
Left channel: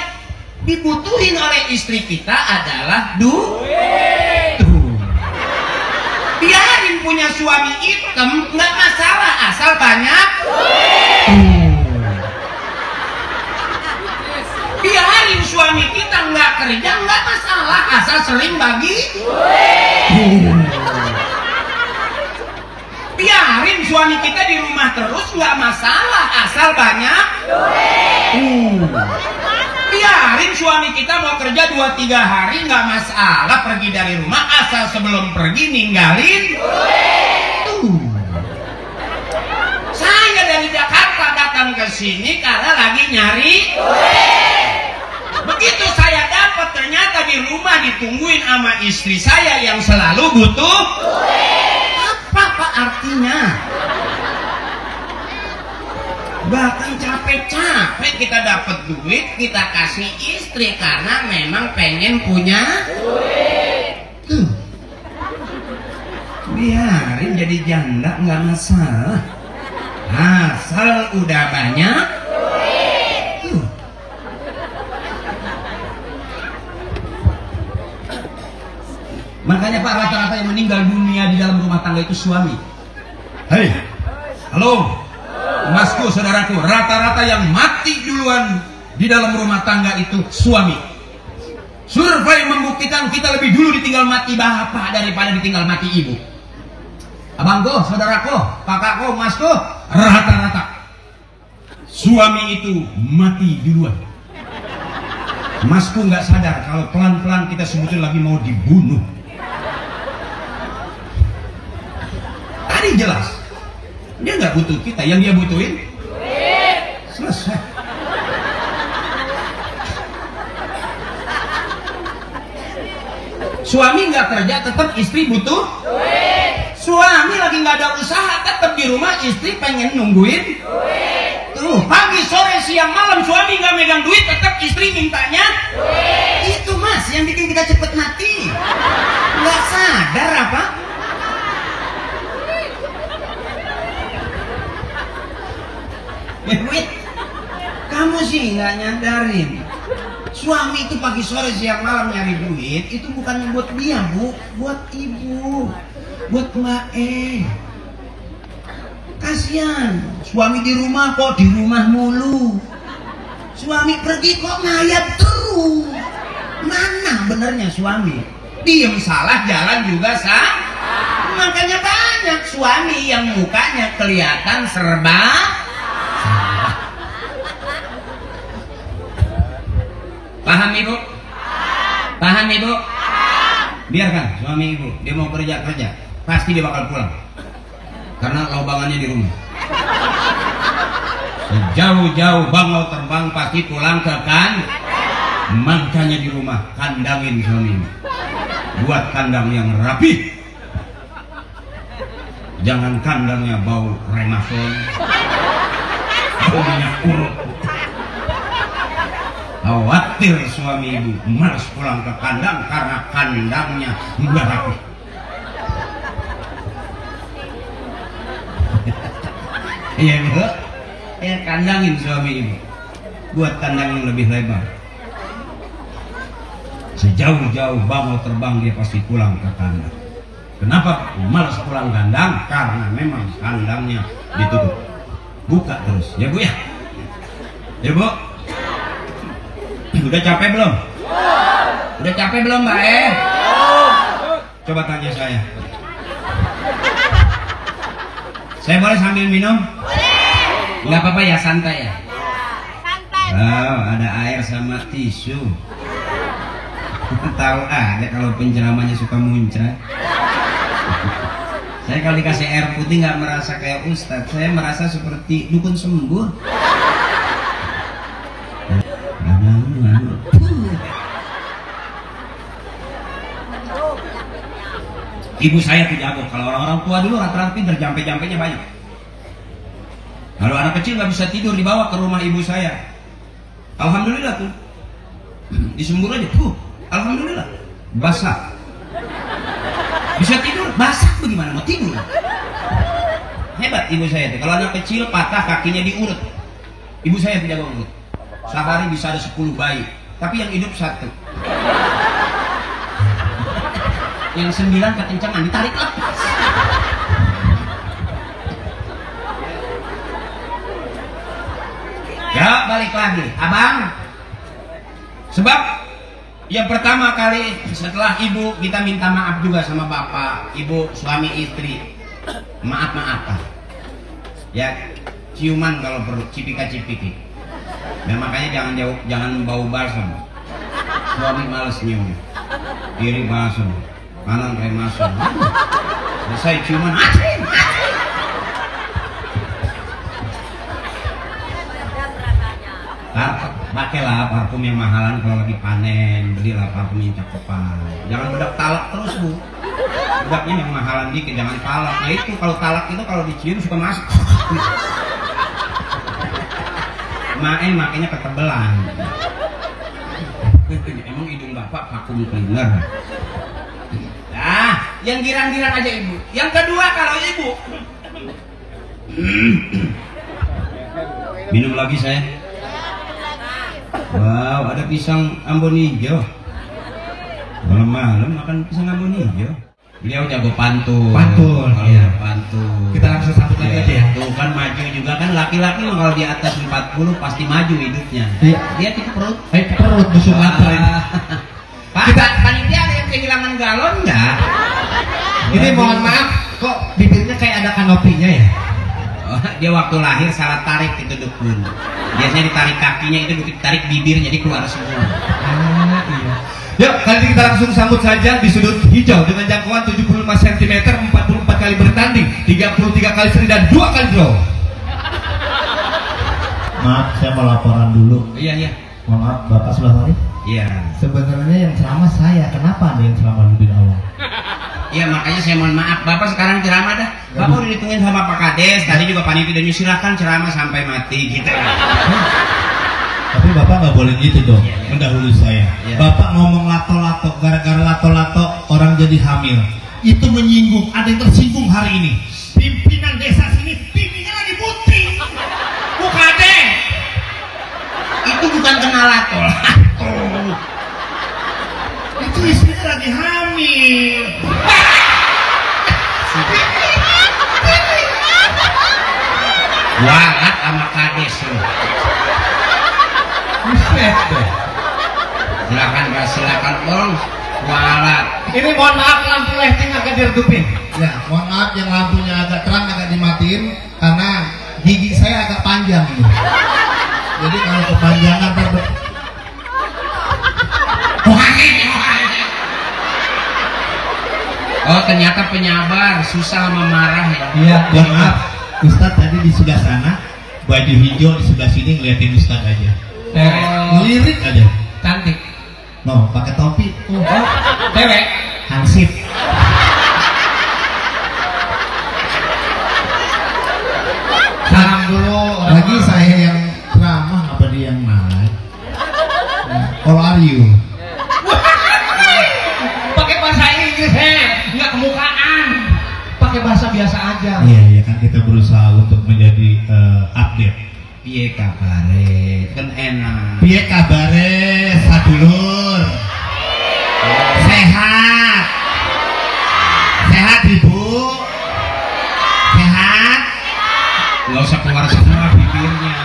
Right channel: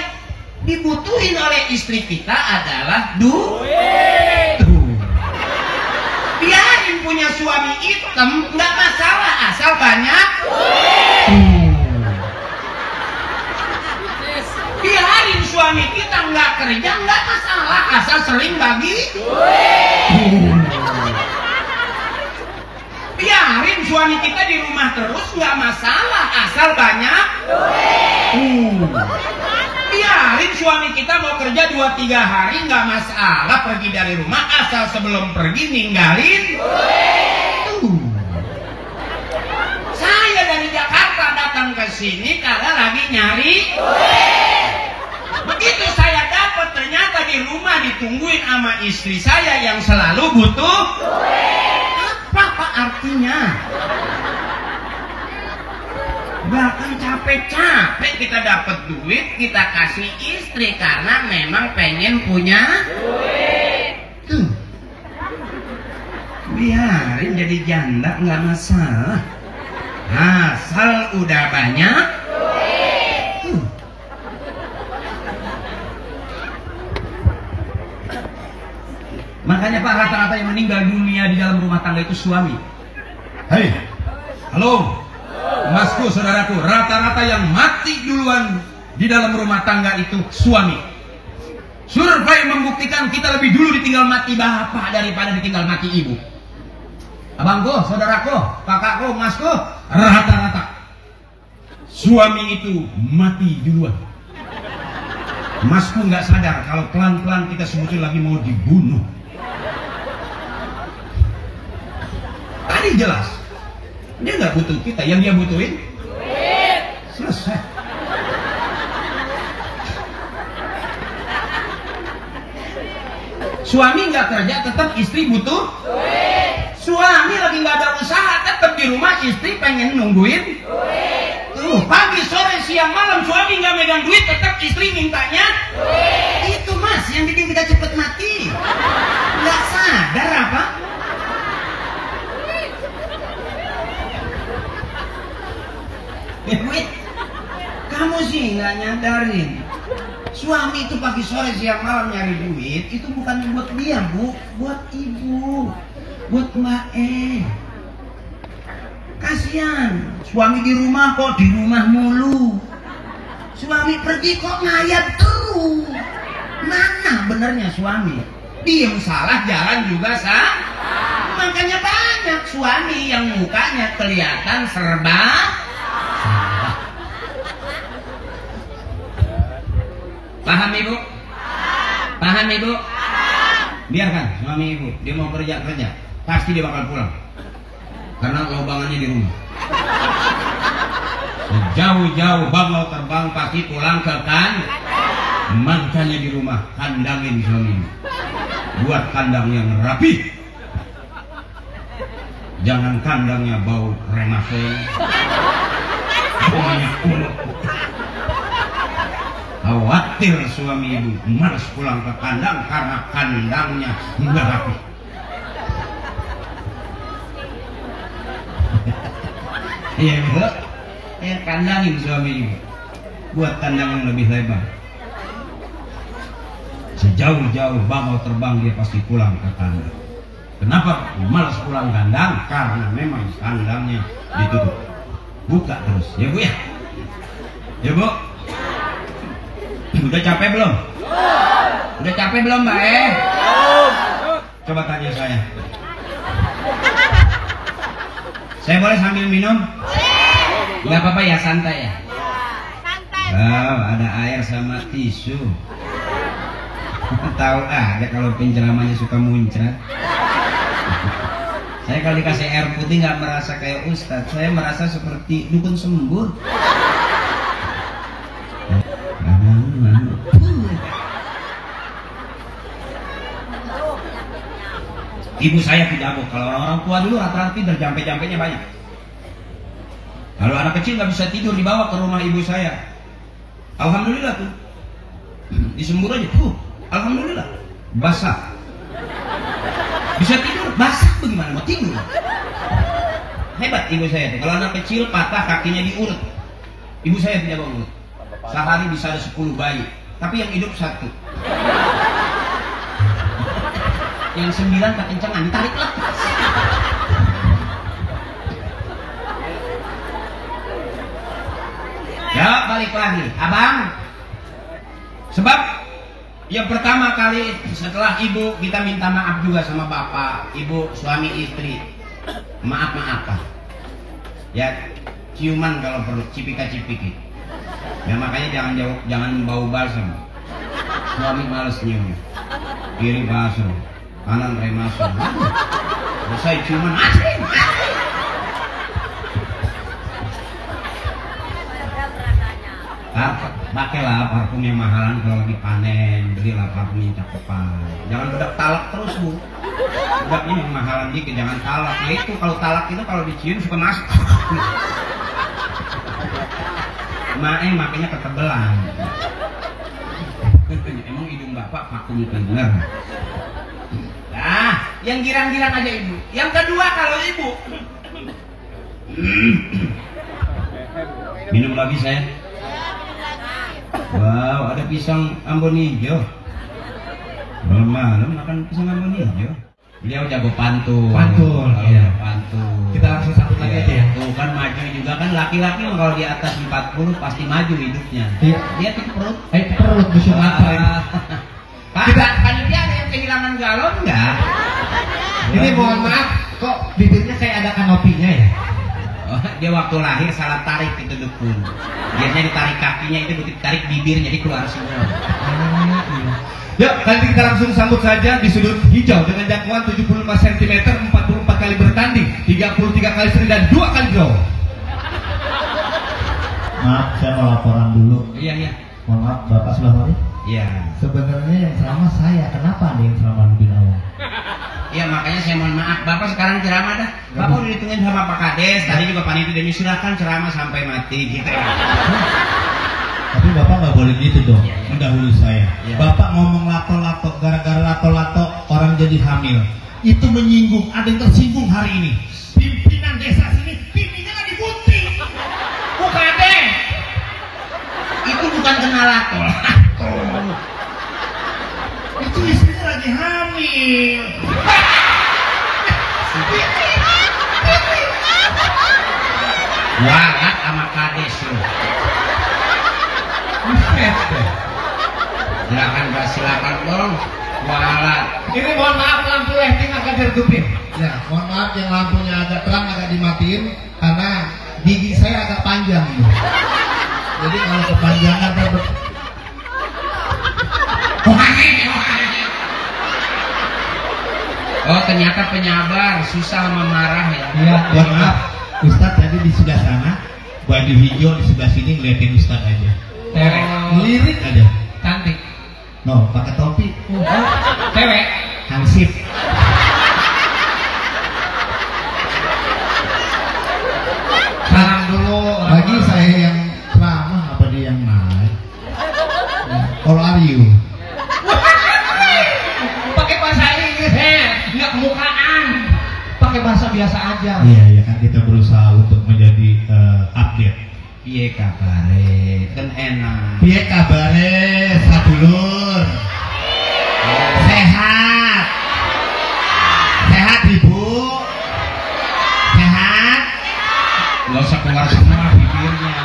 dibutuhin oleh istri kita adalah duit. Biarin punya suami hitam nggak masalah asal banyak duit. Biarin suami kita nggak kerja nggak masalah asal sering bagi duit. Biarin suami kita di rumah terus nggak masalah asal banyak duit. Biarin suami kita mau kerja 2-3 hari nggak masalah pergi dari rumah asal sebelum pergi ninggalin duit. Saya dari Jakarta datang ke sini karena lagi nyari duit. Begitu saya dapat ternyata di rumah ditungguin sama istri saya yang selalu butuh duit. Apa artinya? Gak akan capek-capek kita dapat duit, kita kasih istri karena memang pengen punya duit. Tuh. Biarin jadi janda nggak masalah. Asal udah banyak duit. Tuh. Makanya Pak, rata-rata yang meninggal dunia di dalam rumah tangga itu suami. Hei, halo, masku, saudaraku, rata-rata yang mati duluan di dalam rumah tangga itu suami. Survei membuktikan kita lebih dulu ditinggal mati bapak daripada ditinggal mati ibu. Abangku, saudaraku, kakakku, masku, rata-rata suami itu mati duluan. Masku nggak sadar kalau pelan-pelan kita sebetulnya lagi mau dibunuh. Tadi jelas, dia nggak butuh kita, yang dia butuhin duit. Selesai. Suami nggak kerja, tetap istri butuh duit. Suami lagi nggak ada usaha, tetap di rumah, istri pengen nungguin duit. Pagi, sore, siang, malam suami nggak megang duit, tetap istri mintanya duit. Itu mas yang bikin kita cepet mati. Nggak sadar apa? Duit. Kamu sih nggak nyadarin. Suami itu pagi sore siang malam nyari duit, itu bukannya buat dia bu, buat ibu, buat Mbak Kasihan, suami di rumah kok di rumah mulu. Suami pergi kok ngayap terus. Mana benernya suami? Diem salah, jalan juga salah. Makanya banyak suami yang mukanya kelihatan serba salah. Paham ibu? Paham ibu? Biarkan suami ibu, dia mau kerja, pasti dia bakal pulang. Karena laubangannya di rumah. Jauh-jauh bangau terbang pasti pulang ke makanya di rumah kandangin suami. Buat kandang yang rapi. Jangan kandangnya bau remasol. Khawatir suami ibu malas pulang ke kandang karena kandangnya nggak rapi. Iya bu, ya kandangin suami ibu, buat kandang yang lebih lebar. Sejauh-jauh bangau terbang dia pasti pulang ke kandang. Kenapa malas pulang kandang? Karena memang kandangnya ditutup. Buka terus, ya bu ya. Ya bu. Udah capek belum? Udah capek belum mbak Coba tanya saya. Saya boleh sambil minum? Boleh. Nggak apa-apa ya, santai ya? Santai. Oh, ada air sama tisu. Tahu aja kalau penceramahnya suka muncrat. Saya kalau dikasih air putih nggak merasa kayak ustadz. Saya merasa seperti dukun sembur. Ibu saya tidak abot. Kalau orang tua dulu rata-rata pintar, jampe-jampenya banyak. Kalau anak kecil nggak bisa tidur dibawa ke rumah ibu saya. Alhamdulillah tuh. Disembur aja, alhamdulillah. Basah. Bisa tidur, basah tuh gimana mau tidur? Hebat ibu saya tuh. Kalau anak kecil patah kakinya diurut. Ibu saya tidak mau urut. Sehari bisa ada 10 bayi, tapi yang hidup 1. Yang 9 kekencangan ditarik lepas. Ya balik lagi, abang. Sebab yang pertama kali setelah ibu kita minta maaf juga sama bapak, ibu, suami, istri. Maaf-maafan. Ya ciuman kalau perlu, cipika-cipiki. Dan makanya jangan bau balsam. Suami males nyium. Kiri balsam, kanan remasol. Selesai ciuman. Pakailah parfum yang mahalan kalau lagi panen. Belilah parfum yang cakepan. Jangan budak talak terus bu. Budaknya yang mahalan dikit, jangan talak. Nah itu kalau talak itu kalau dicium suka masuk. Makanya ketebelan. Emang hidung bapak vakum cleaner. Nah, yang girang-girang aja ibu. Yang kedua kalau ibu minum lagi saya. Wow, ada pisang Ambon hijau. Malam-malam makan pisang Ambon hijau. Ini aku jago pantun. Pantun, iya pantun. Kita langsung sambut lagi aja ya. Tuh kan maju juga kan, laki-laki kalau di atas 40 pasti maju hidupnya. Iya. Lihat itu perut. Perut musuh antar. Pak, kita panitia ada yang kehilangan galon nggak? Ini mohon maaf, kok bibirnya kayak ada kanopinya ya? Oh, dia waktu lahir salah tarik itu dukun. Biasanya ditarik kakinya, itu ditarik bibir jadi keluar semua. Iya. Yuk, nanti kita langsung sambut saja di sudut hijau dengan jangkauan 75 cm, 44 kali bertanding, 33 kali seri dan 2 kali draw. Maaf, saya mau laporan dulu. Iya. Maaf, Bapak sudah hari? Iya. Sebenarnya yang ceramah saya, kenapa ada yang ceramah lebih awal? Ya makanya saya mohon maaf, Bapak sekarang ceramah dah. Bapak udah ditungguin sama Pak Kades, tadi juga panitia dan silakan ceramah sampai mati gitu. Tapi Bapak nggak boleh gitu dong, mendahului saya. Bapak ngomong lato-lato, gara-gara lato-lato orang jadi hamil. Itu menyinggung, ada yang tersinggung hari ini. Pimpinan desa sini, pimpinnya lagi putri. Bukan deh. Itu bukan kena lato. Itu istrinya lagi hamil. Warat sama Kades loh. Silakan bos. Warat. Ini mohon maaf lampu lighting agak diredupin. Ya, mohon maaf yang lampunya agak terang agak dimatiin karena gigi saya agak panjang nih. Jadi kalau kepanjangan Oh ternyata penyabar, susah memarah ya. Iya, mohon maaf. Ustadz tadi di sebelah sana, baju hijau di sebelah sini ngeliatin Ustadz aja. Lirik aja. Cantik. No, pakai topi. Cewek. Hansip. Salam dulu. Lagi saya yang ceramah apa dia yang naik? How are you? Pakai bahasa Inggris, nggak kemukaan. Pakai bahasa biasa aja. Iya, ya kan kita berusaha untuk menjadi update. Piye kabare? Kan enak. Piye kabare, sadulur? Sehat. Sehat Ibu? Sehat? Gak usah keluar semua bibirnya.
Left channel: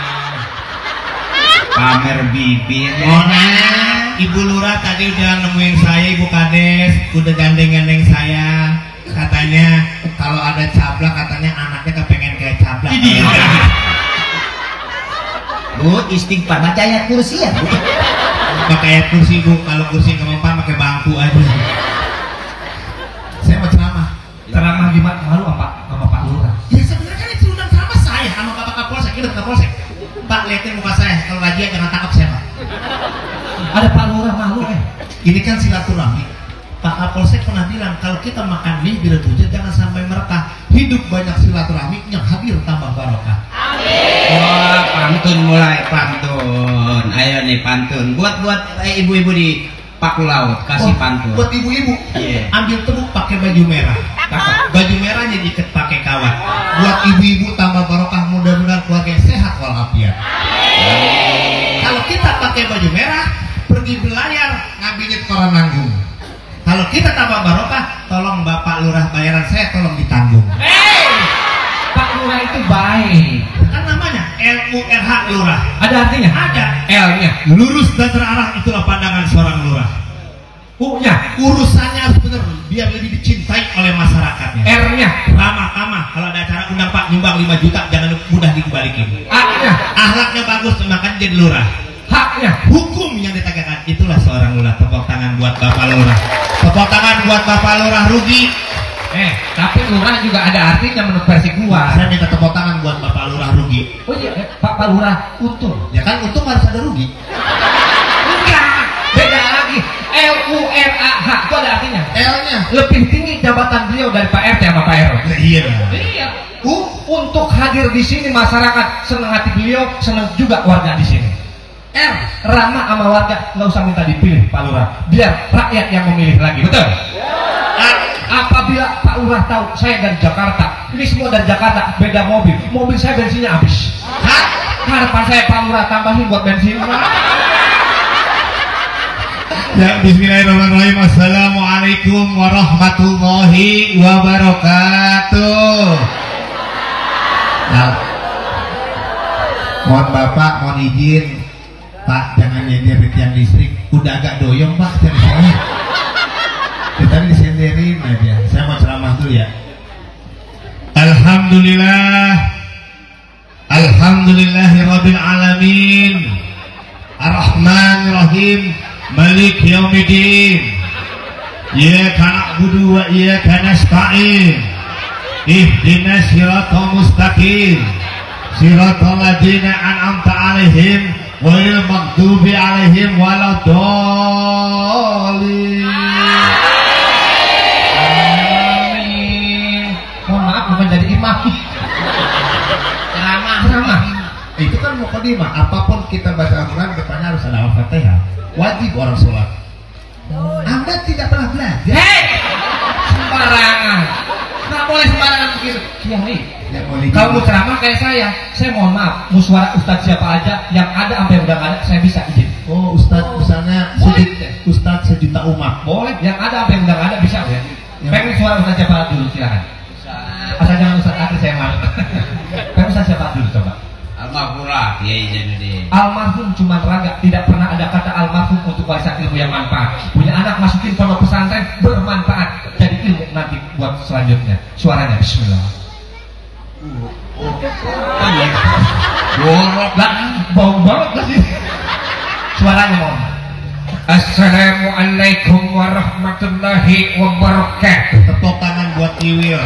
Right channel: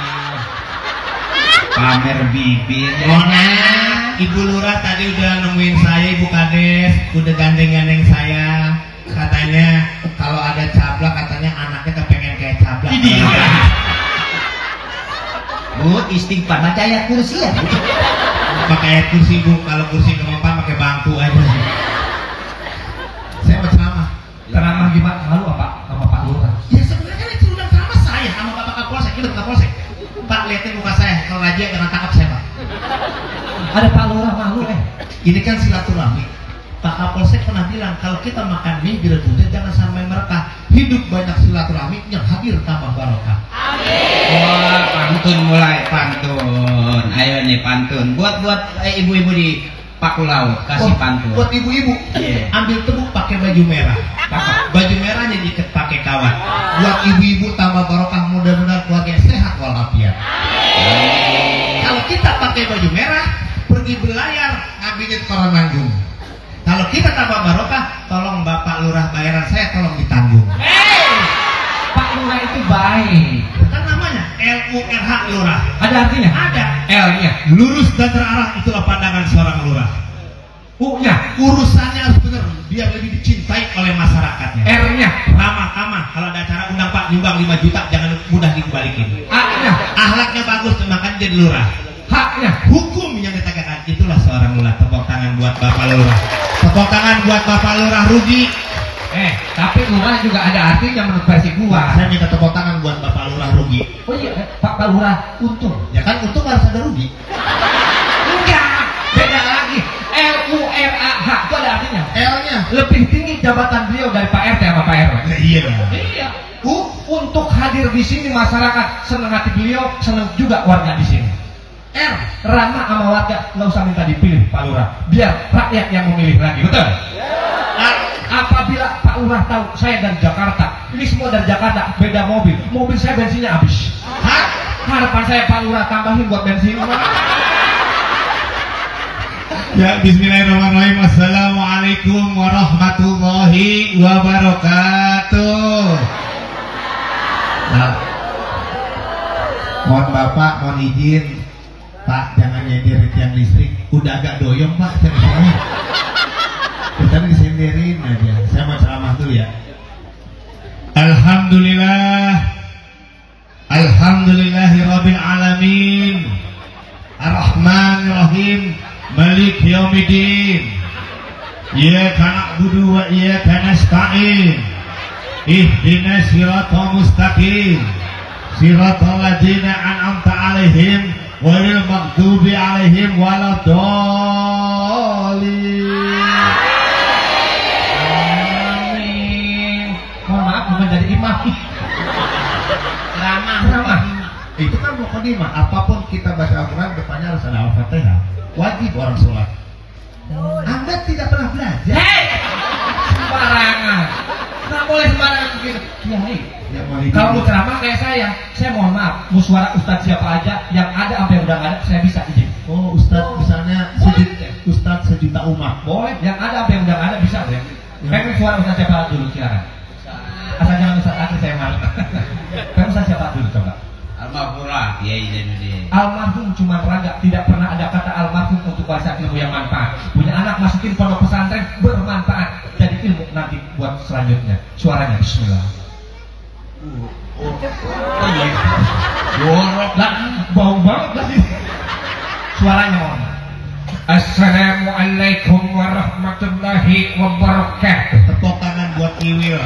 Pamer bibir. Mau nanya, Ibu Lurah tadi udah nemuin saya, Ibu Kades, udah gandeng-gandeng saya. Katanya kalau ada cablak, katanya anaknya kepengen kayak cablak. Bu, istighfar baca ayat kursi ya. Pakai ayat kursi Bu, kalau kursi nggak mempan pakai bangku aja. Saya mau ceramah. Ceramah di mana? Malu apa? Sama Pak Lurah. Ya sebenarnya kan itu undang ceramah saya sama Bapak Kapolsek, itu Kapolsek. Pak lihatin muka saya, kalau ngaji jangan tangkap saya Pak. Ada Pak Lurah malu Ini kan silaturahmi. Pak Kapolsek pernah bilang kalau kita makan mie bila hujan jangan sampai merekah. Hidup banyak silaturahmi yang hadir tambah barokah. Oh, pantun mulai pantun. Ayo nih pantun. Buat ibu-ibu di Paku Laut kasih pantun. Buat ibu-ibu, ambil tepuk pakai baju merah. Baju merahnya diikat pakai kawat. Buat ibu-ibu tambah barokah, mudah-mudahan keluarga sehat walafiat. Kalau kita pakai baju merah, pergi berlayar ngambilin koran nanggung. Kalau kita tambah barokah, tolong Bapak Lurah bayaran saya tolong ditanggung. Pak Lurah itu baik. Kan namanya LURH Lurah. Ada artinya? Ada. L-nya. Lurus dan terarah itulah pandangan seorang lurah. U-nya. Urusannya harus benar, biar lebih dicintai oleh masyarakatnya. R-nya. Ramah, kalau ada acara undang Pak nyumbang 5 juta jangan mudah dibalikin. A-nya. Akhlaknya bagus, makanya jadi lurah. H-nya. Hukum yang ditegakkan itulah seorang lurah. Tepuk tangan buat Bapak Lurah. Tepuk tangan buat Bapak Lurah rugi. Tapi lurah juga ada artinya menurut versi gua. Saya minta tepuk tangan buat Bapak Lurah rugi. Oh iya, Pak Lurah untung. Ya kan untung harus ada rugi. Enggak, beda lagi. LURAH itu ada artinya. L-nya. Lebih tinggi jabatan beliau dari Pak RT sama Pak RW. Iya dong. Iya. Untuk hadir di sini masyarakat senang hati beliau, senang juga warga di sini. R, ramah sama warga, nggak usah minta dipilih Pak Lurah. Biar rakyat yang memilih lagi, betul? Apabila Pak Lurah tahu saya dari Jakarta, ini semua dari Jakarta, beda mobil saya bensinnya habis. Harta saya Pak Lurah tambahin buat bensin. Ya, bismillahirrahmanirrahim. Assalamualaikum warahmatullahi wabarakatuh. Mohon Bapak, mohon izin Pak, jangan nyender tiang listrik. Udah agak doyong Pak tiang saya. Tadi disenderin aja. Saya mau ceramah dulu ya. Alhamdulillahirabbil alamin. Ar-Rahmanir-Rahim. Malik Yaumiddin. Iyyaka na'budu wa iyyaka nasta'in. Ihdinas siratal mustaqim. Siratal ladzina an'amta 'alaihim ghairil maghdubi 'alaihim waladdallin. mah apapun kita baca Al-Quran depannya harus ada Al-Fatihah. Wajib orang sholat. Anda tidak pernah belajar. Hei, sembarangan. Nggak boleh sembarangan begitu. Ya nih, kamu ceramah kayak saya mohon maaf, musyawarah ustadz siapa aja yang ada sampai udah nggak ada, saya bisa izin. Oh, ustadz misalnya ustadz sejuta umat. Boleh, yang ada sampai udah nggak ada bisa ya. Pengen suara ustadz siapa dulu, silakan. Asal jangan ustadz akhir saya malu. Pengen ustadz siapa dulu coba. Almarhumlah, Kiai Zainuddin. Almarhum cuma raga, tidak pernah ada kata almarhum untuk warisan ilmu yang manfaat. Punya anak masukin pondok pesantren bermanfaat, jadi ilmu nanti buat selanjutnya. Suaranya Bismillah. Borok lah, bau banget tadi. Suaranya mau. Assalamualaikum warahmatullahi wabarakatuh. Tepuk tangan buat Iwil.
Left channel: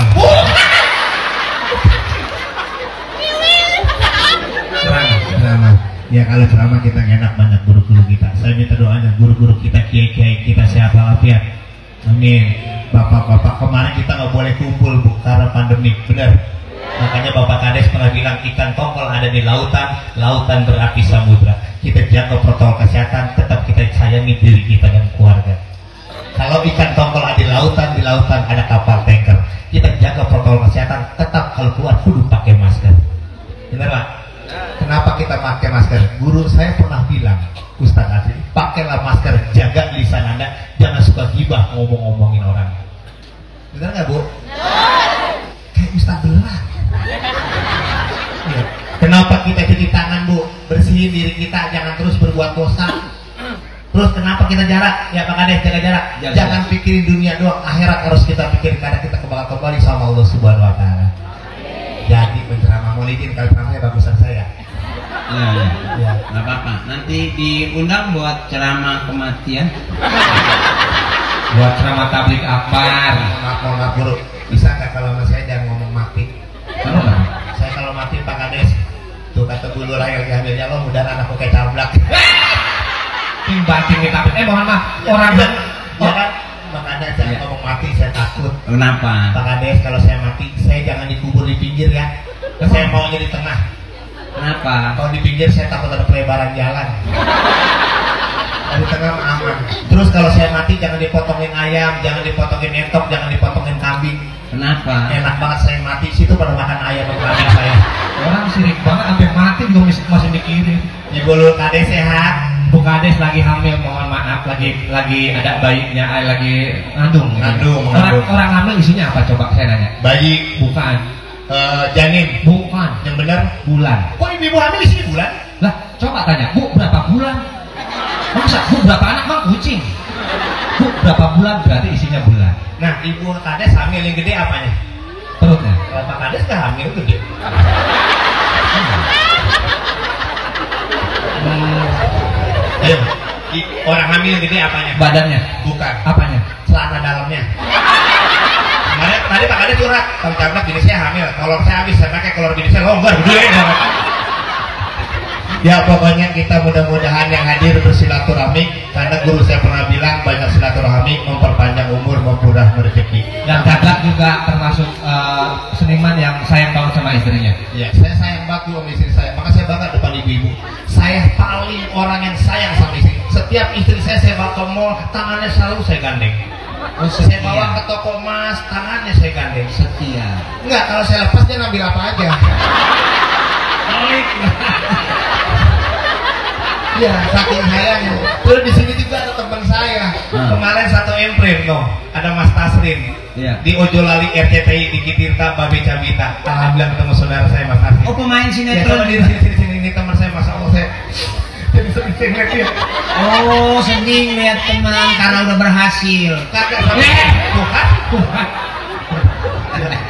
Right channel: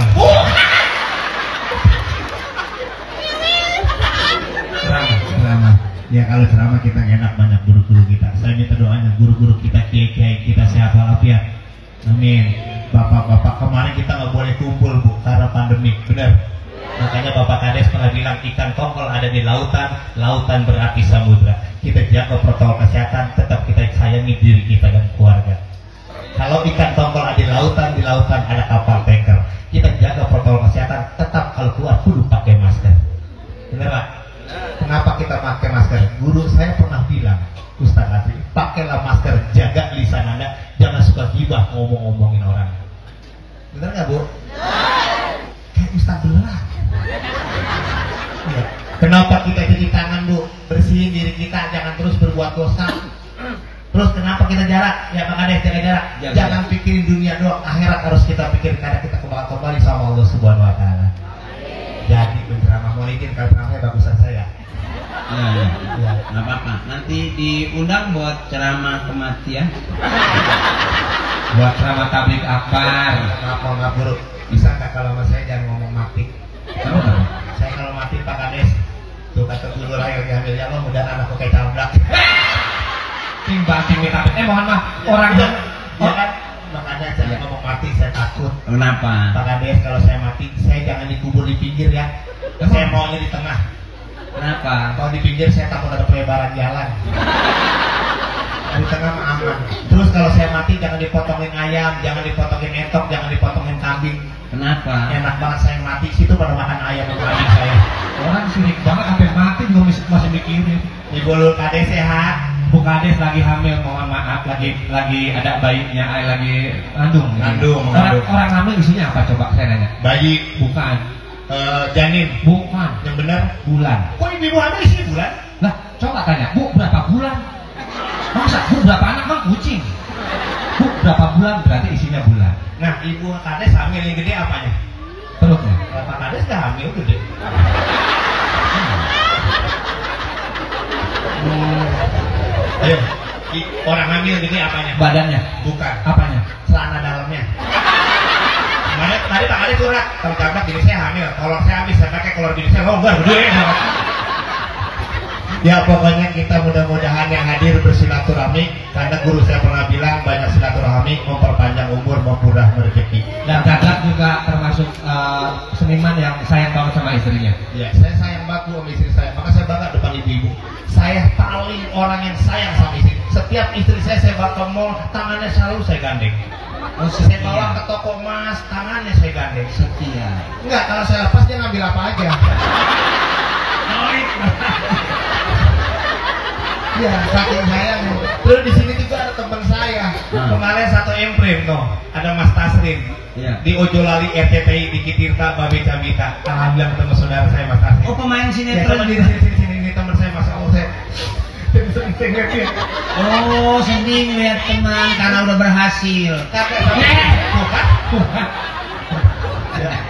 Ceramah. Ya kalau ceramah kita enak banget guru-guru kita. Saya minta doanya guru-guru kita, kiai-kiai kita sehat walafiat. Amin. Bapak-bapak kemarin kita nggak boleh kumpul bu karena pandemi, benar. Makanya Bapak Kades pernah bilang ikan tongkol ada di lautan, lautan berapi samudra. Kita jaga protokol kesehatan, tetap kita sayangi diri kita dan keluarga. Kalau ikan tongkol ada di lautan ada kapal tanker. Kita jaga protokol kesehatan, tetap kalau keluar kudu pakai masker. Benar Pak? Kenapa kita pakai masker? Guru saya pernah bilang, Ustaz Asri, pakailah masker, jaga lisan Anda, jangan suka gibah ngomong-ngomongin orang. Benar nggak Bu? Kayak Ustaz beneran. Ya. Kenapa kita cuci tangan Bu? Bersihin diri kita, jangan terus berbuat dosa. Terus kenapa kita jarak? Ya Pak Kades, jaga jarak. Jangan pikirin dunia doang, akhirat harus kita pikirin karena kita kembali sama Allah Subhanahu Wa Taala. Jadi penceramah Maulidin kalau ceramahnya bagusan saya. Ya, nggak apa-apa. Nanti diundang buat ceramah kematian. Buat ceramah tablik akbar. Maaf dulu. Bisa nggak kalau sama saya jangan ngomong mati? Saya kalau mati Pak Kades, tuh kata dulu lahir di hamilnya lo mudah anakku kayak tablak. Timbang kita mohon maaf orang ya kan? Makanya jangan ngomong mati, saya takut. Kenapa? Pak Kades kalau saya mati, saya jangan dikubur di pinggir ya. Saya maunya di tengah. Kenapa? Kalau di pinggir saya takut ada pelebaran jalan. Di tengah aman. Terus kalau saya mati jangan dipotongin ayam, jangan dipotongin entok, jangan dipotongin kambing. Kenapa? Enak banget saya mati, situ pada makan ayam dengan saya. orang sirik banget sampai mati juga masih mikirin. Ibu lu Kades sehat? Bu Kades lagi hamil, mohon maaf, lagi ada bayinya, lagi ngandung. Orang hamil isinya apa coba saya nanya? Bayi. Bukan. Janin. Bukan. Yang benar Bulan. kok ibu hamil isinya bulan? Lah coba tanya, Bu berapa bulan? Masa Bu berapa anak mah kucing? Bu berapa bulan berarti isinya bulan. Nah ibu Kades hamil yang gede apanya? Perutnya. Kalau Pak Kades gak hamil gede. Orang hamil gede apanya? Badannya. Bukan. Apanya? Celana dalamnya. Tadi Pak Kades curhat, kalau camat jenisnya hamil. Kalau saya habis saya pakai kolor jenisnya longgar, gede banget. Ya pokoknya kita mudah-mudahan yang hadir bersilaturahmi, karena guru saya pernah bilang banyak silaturahmi memperpanjang umur, mempermudah rezeki. Dan kakak juga termasuk seniman yang sayang banget sama istrinya. Ya, saya sayang banget sama istri saya. Maka saya bangga depan ibu-ibu. Saya paling orang yang sayang sama istri. Setiap istri saya bawa ke mall, tangannya selalu saya gandeng. Saya bawa ke toko emas, tangannya saya gandeng. Setia. Enggak, kalau saya lepas dia ngambil apa aja. Iya, saking sayang. Terus di sini juga ada teman saya. Kemarin satu imprint loh, ada Mas Tasrin. Ya. Di Ojolali RCTI di Kitirta Babe Cabita. Alhamdulillah ketemu saudara saya Mas Tasrin. Oh pemain Ya, sinetron. di sini ini teman saya, Masya Allah saya. Oh sedih lihat teman karena udah berhasil. Kakek sama bukan?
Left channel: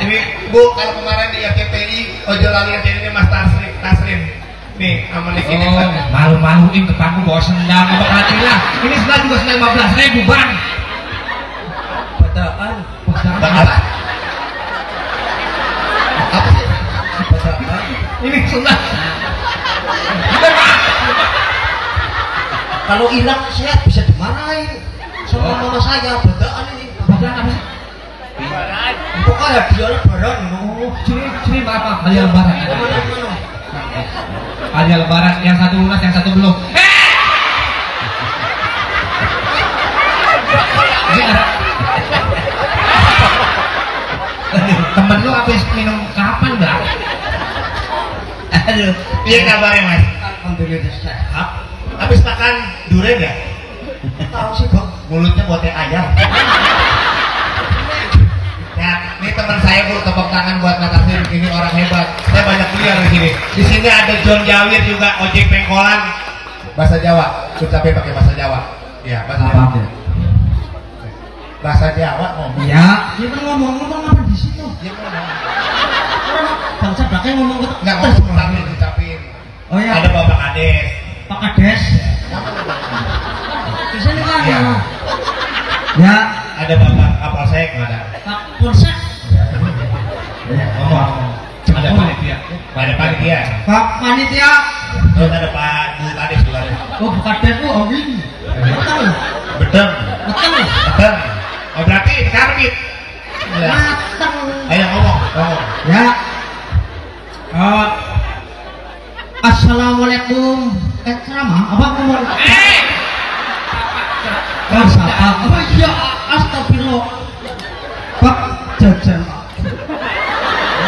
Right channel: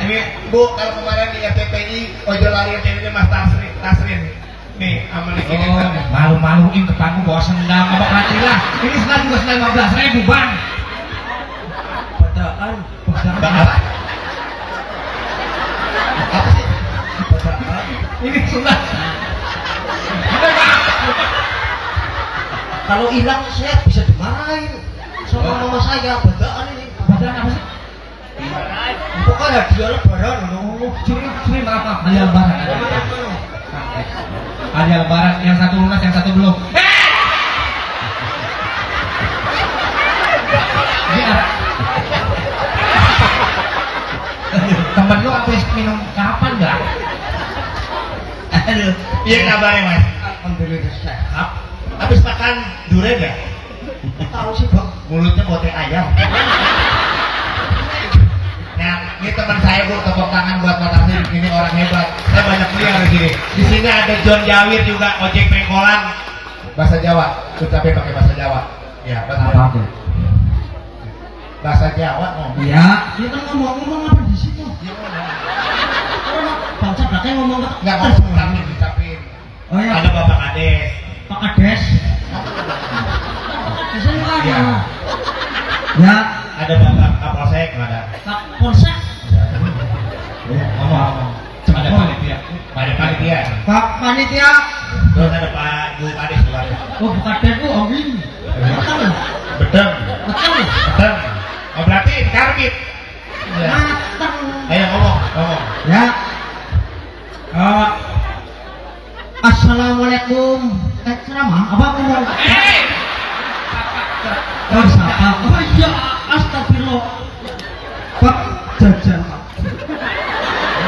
Ini Bu, kalau kemarin di RCTI Ojolali RCTI ini Mas Tasrin. Nih, sama di sini. Oh, malu-maluin tetangga bawa sendang, apa hatilah. Ini sendang juga sendang 15.000 bang. Padahal. Ini sendang. Kalau hilang saya bisa dimarahin sama mama saya. Bedaan ini. Bedaan apa sih? Pokoknya hadiahnya barang. Curi maaf, hadiah lebaran. Hanya lebaran yang satu lunas yang satu belum. Temen lu habis minum kapan dah? Aduh, Iya kabarnya mas. Alhamdulillah sehat. Habis makan durian ya? Tahu sih bang, Mulutnya buat ayam. Nah, ini teman saya bu, tepuk tangan buat Mas Afif. Ini orang hebat. Saya banyak kuliah di sini. Di sini ada John Jawir juga, ojek pengkolan. Bahasa Jawa, ucapin pakai bahasa Jawa. Ya, bahasa Jawa. apa? Bahasa Jawa ngomong. Iya, kita ngomong-ngomong apa di situ? Ya, ngomong. Bangsa pakai ngomong Nggak ngomong, ucapin. Oh ya, Ada Bapak Kades. Pak Kades. Di sini kan Ya. ya, Ada Bapak Kapolsek, ada. Pak Polsek. Ngomong. Ada panitia. Ada panitia. Pak Panitia. Terus ada Pak Bu Kades juga. Oh, Pak Kades tuh oh ini. Betul. Betul. Betul. Betul. Oh berarti karbit. Ya. Matang. Ayo ngomong. Ya. Assalamualaikum. Ceramah apa ngomong? Masa apa iya astagfirullah. Pak jajan.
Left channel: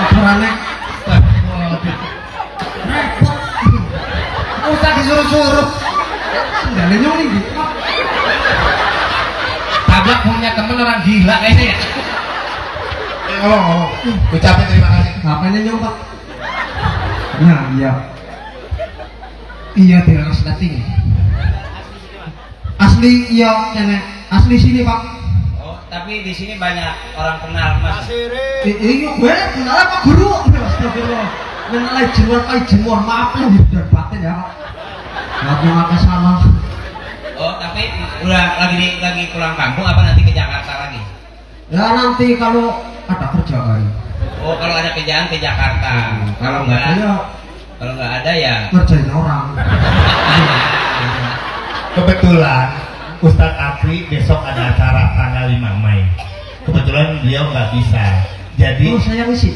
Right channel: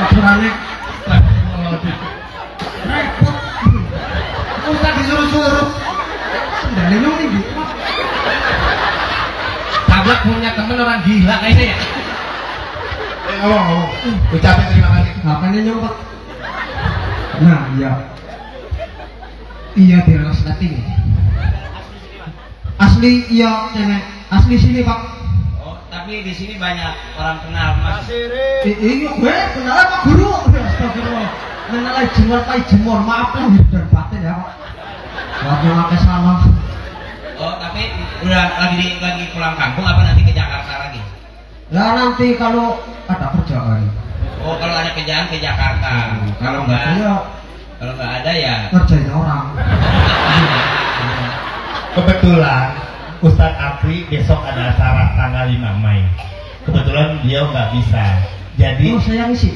Ukurannya repot. Usah disuruh-suruh. Sendalnya ini. Tabrak punya temen orang gila kayaknya ya. Ayo ngomong. Ucapin terima kasih. Makanya nyoba. Nah iya. Iya diraos keting. Asli iya nenek. Asli sini pak. oh, tapi di sini banyak orang kenal mas. Iya gue kenal apa guru. Astagfirullah. Mengenai jemur maaf lah dan batin ya pak. Lagi pakai salah. Oh, tapi udah lagi pulang kampung apa nanti ke Jakarta lagi? Ya nanti kalau ada kerjaan. Oh, kalau ada kerjaan ke Jakarta. Kalau nggak ada ya. Kerjanya orang. Kebetulan Ustadz Afri besok ada acara tanggal 5 Mei. Kebetulan beliau nggak bisa. Jadi Oh saya ngisi.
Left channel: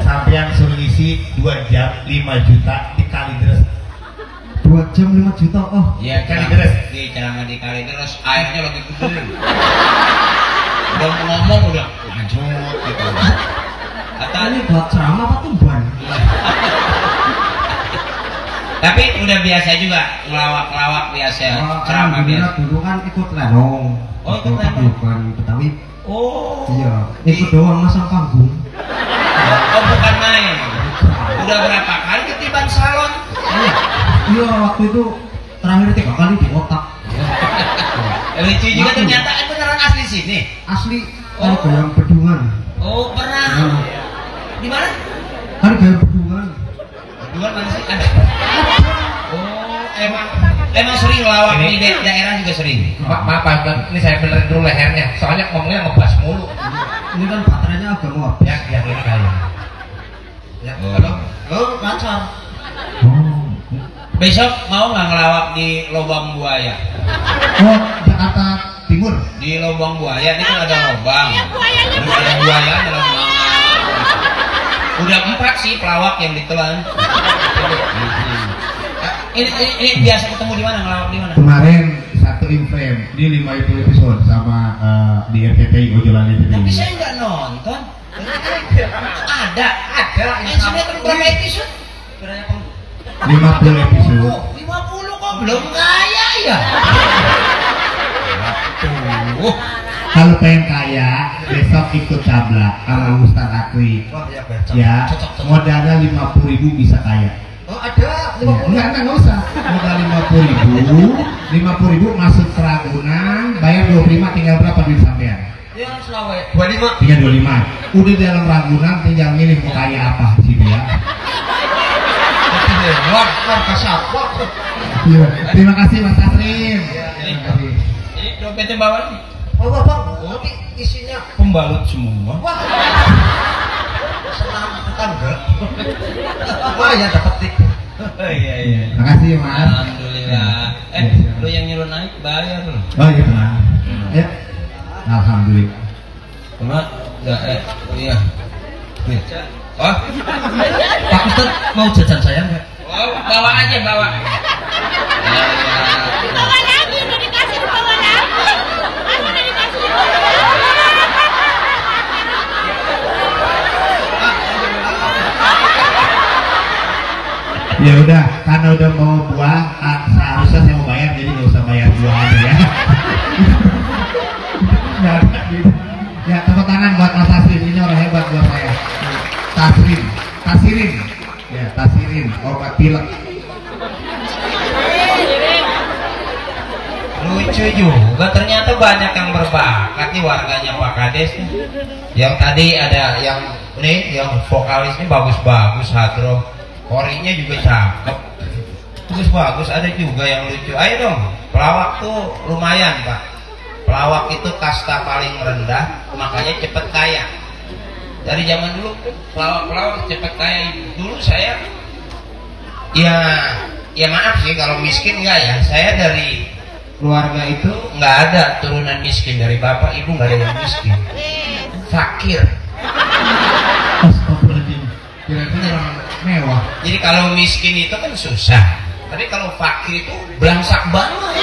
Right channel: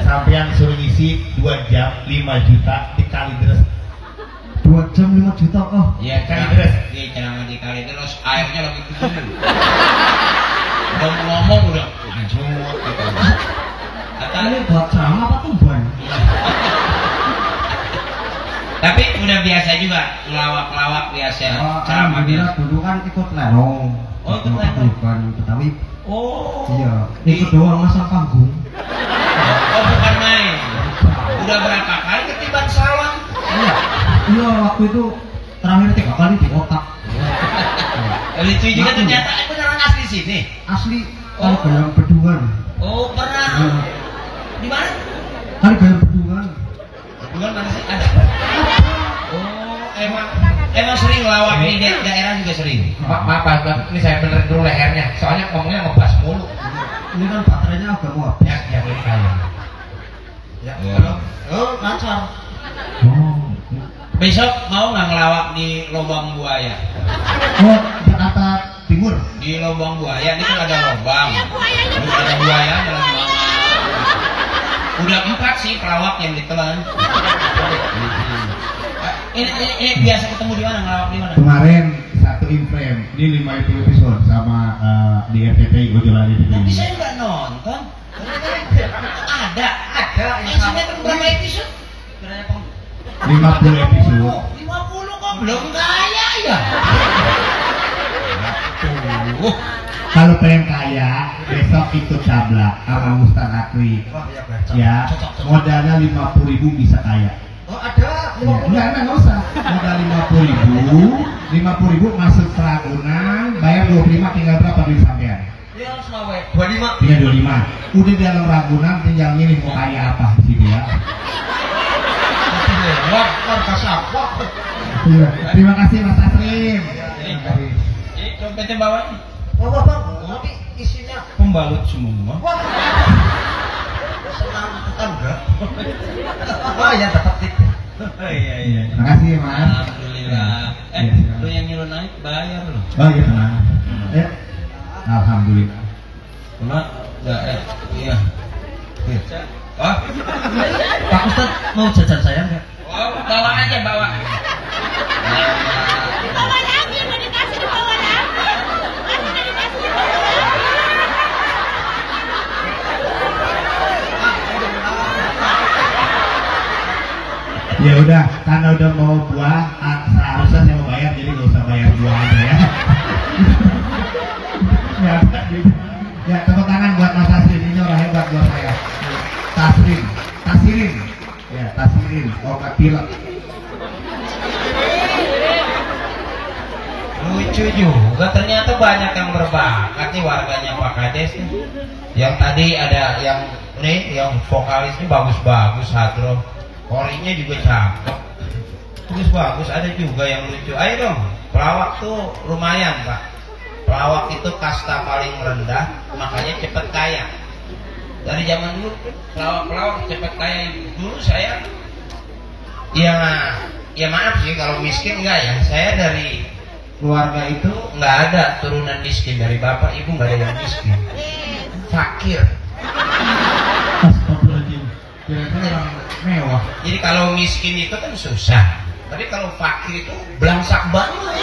sampean suruh isi 2 jam 5 juta di Kalideres. 2 jam 5 juta. Oh Iya Kali kan. terus. Di ceramah di kali terus airnya lagi turun. Udah ngomong udah anjut gitu. Kata ini buat ceramah apa tumbang? tapi udah biasa juga ngelawak-lawak biasa ceramah Alhamdulillah biasa. dulu kan ikut lerong. Oh, ikut lerong. Bukan Betawi. Oh. Iya. Ikut doang masang panggung. Oh bukan main. Udah berapa kali ketimbang salon? Iya. Iya waktu itu terakhir 3 kali di otak. Lucu juga ternyata aku orang asli sini. Asli kali goyang bedungan. Oh pernah. Nah, Di mana? kali goyang bedungan. Dua mana sih? Ada. Oh emang sering lawak di daerah juga sering. Maaf, ini saya bener dulu lehernya. Soalnya ngomongnya ngebas mulu. Ini kan baterainya agak nguap. Ya, ini kaya. Ya, halo. Oh, lancar. Oh. Besok mau nggak ngelawak di lubang buaya? Oh, Jakarta Timur. Di lubang buaya ini kan ada lubang. Iya, buaya Terus ada buaya dalam lubang. Udah 4 sih pelawak yang ditelan. Ini biasa ketemu di mana ngelawak di mana? Kemarin satu event di 5 episode sama di RCTI Ujulan Tapi itu. saya nggak nonton. Ada. Yang sinetron berapa episode? 50 episode. 50 kok belum kaya ya? Kalau pengen kaya, besok ikut tabla sama Ustadz Akwi. Oh, iya, Ya, modalnya 50.000 bisa kaya. Oh, ada. Ya, enggak usah. Modal 50.000 masuk ke Ragunan, bayar 25, tinggal berapa duit sampean? Ya, Selawe. 25. Tinggal 25. Udah di dalam Ragunan, tinggal milih mau kaya apa sih dia. Luar kasar. Iya. Terima kasih Mas Asrin. Ini dompetnya bawa Oh, Bang. Ini isinya pembalut semua. wah. Senang tetangga. Apa yang dapat tik? Oh iya iya. Terima kasih Mas. Alhamdulillah. Lu yang nyuruh naik bayar lu. Oh iya tenang. Ya. Alhamdulillah. Cuma ya iya. Oh, Pak Ustaz mau jajan saya enggak? Ya udah, karena udah mau buang, seharusnya saya mau bayar, jadi nggak usah bayar buang aja ya. Ya, tepuk tangan buat Mas Taslim, ini orang hebat buat saya. Tasirin, ya Tasirin, obat pilek. Lucu juga, ternyata banyak yang berbakat nih warganya Pak Kades nih. Yang tadi ada yang vokalisnya bagus-bagus, Hadro, korinya juga cakep, terus bagus, ada juga yang lucu. Ayo dong, pelawak tuh lumayan Pak. Pelawak itu kasta paling rendah, makanya cepet kaya. Dari zaman dulu pelawak cepet kaya. Dulu saya ya maaf sih kalau miskin enggak ya, saya dari keluarga itu nggak ada turunan miskin, dari bapak ibu nggak ada yang miskin, fakir. Benar-benar mewah. Jadi kalau miskin itu kan susah, tapi kalau fakir itu belangsak banget.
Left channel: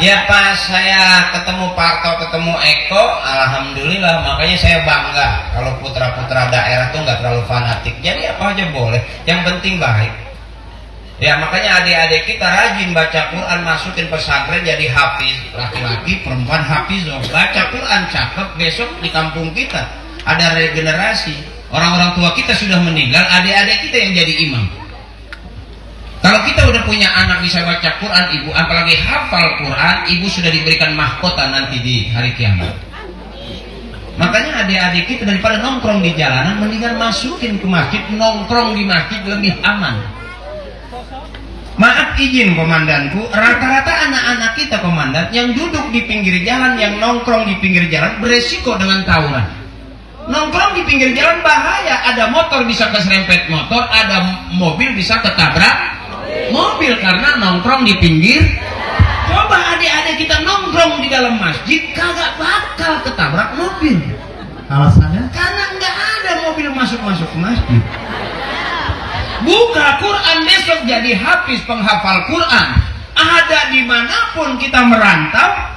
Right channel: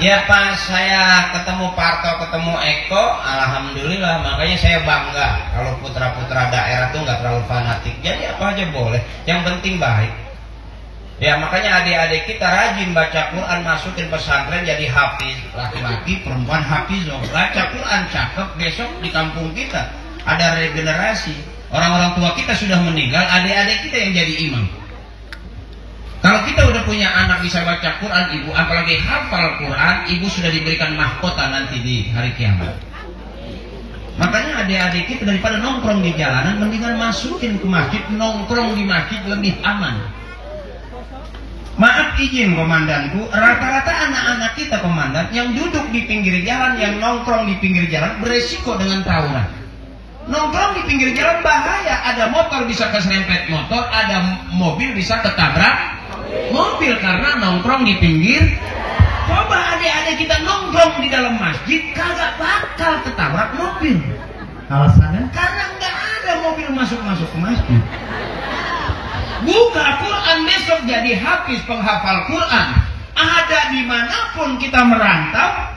Ya pas saya ketemu Parto, ketemu Eko, alhamdulillah, makanya saya bangga kalau putra-putra daerah tuh nggak terlalu fanatik. Jadi apa aja boleh, yang penting baik. Ya makanya adik-adik kita rajin baca Quran, masukin pesantren jadi hafiz, laki-laki perempuan hafiz, baca Quran cakep. Besok di kampung kita ada regenerasi, orang-orang tua kita sudah meninggal, adik-adik kita yang jadi imam. Kalau kita udah punya anak bisa baca Quran, ibu apalagi hafal Quran, ibu sudah diberikan mahkota nanti di hari kiamat. Makanya adik-adik kita daripada nongkrong di jalanan, mendingan masukin ke masjid, nongkrong di masjid lebih aman. Maaf izin komandanku, rata-rata anak-anak kita komandan yang duduk di pinggir jalan, yang nongkrong di pinggir jalan beresiko dengan tawuran. Nongkrong di pinggir jalan bahaya, ada motor bisa keserempet motor, ada mobil bisa ketabrak mobil karena nongkrong di pinggir. Coba adik-adik kita nongkrong di dalam masjid, kagak bakal ketabrak mobil. Alasannya? Karena nggak ada mobil masuk-masuk ke masjid. Buka Quran besok jadi hafiz, penghafal Quran. Ada dimanapun kita merantau,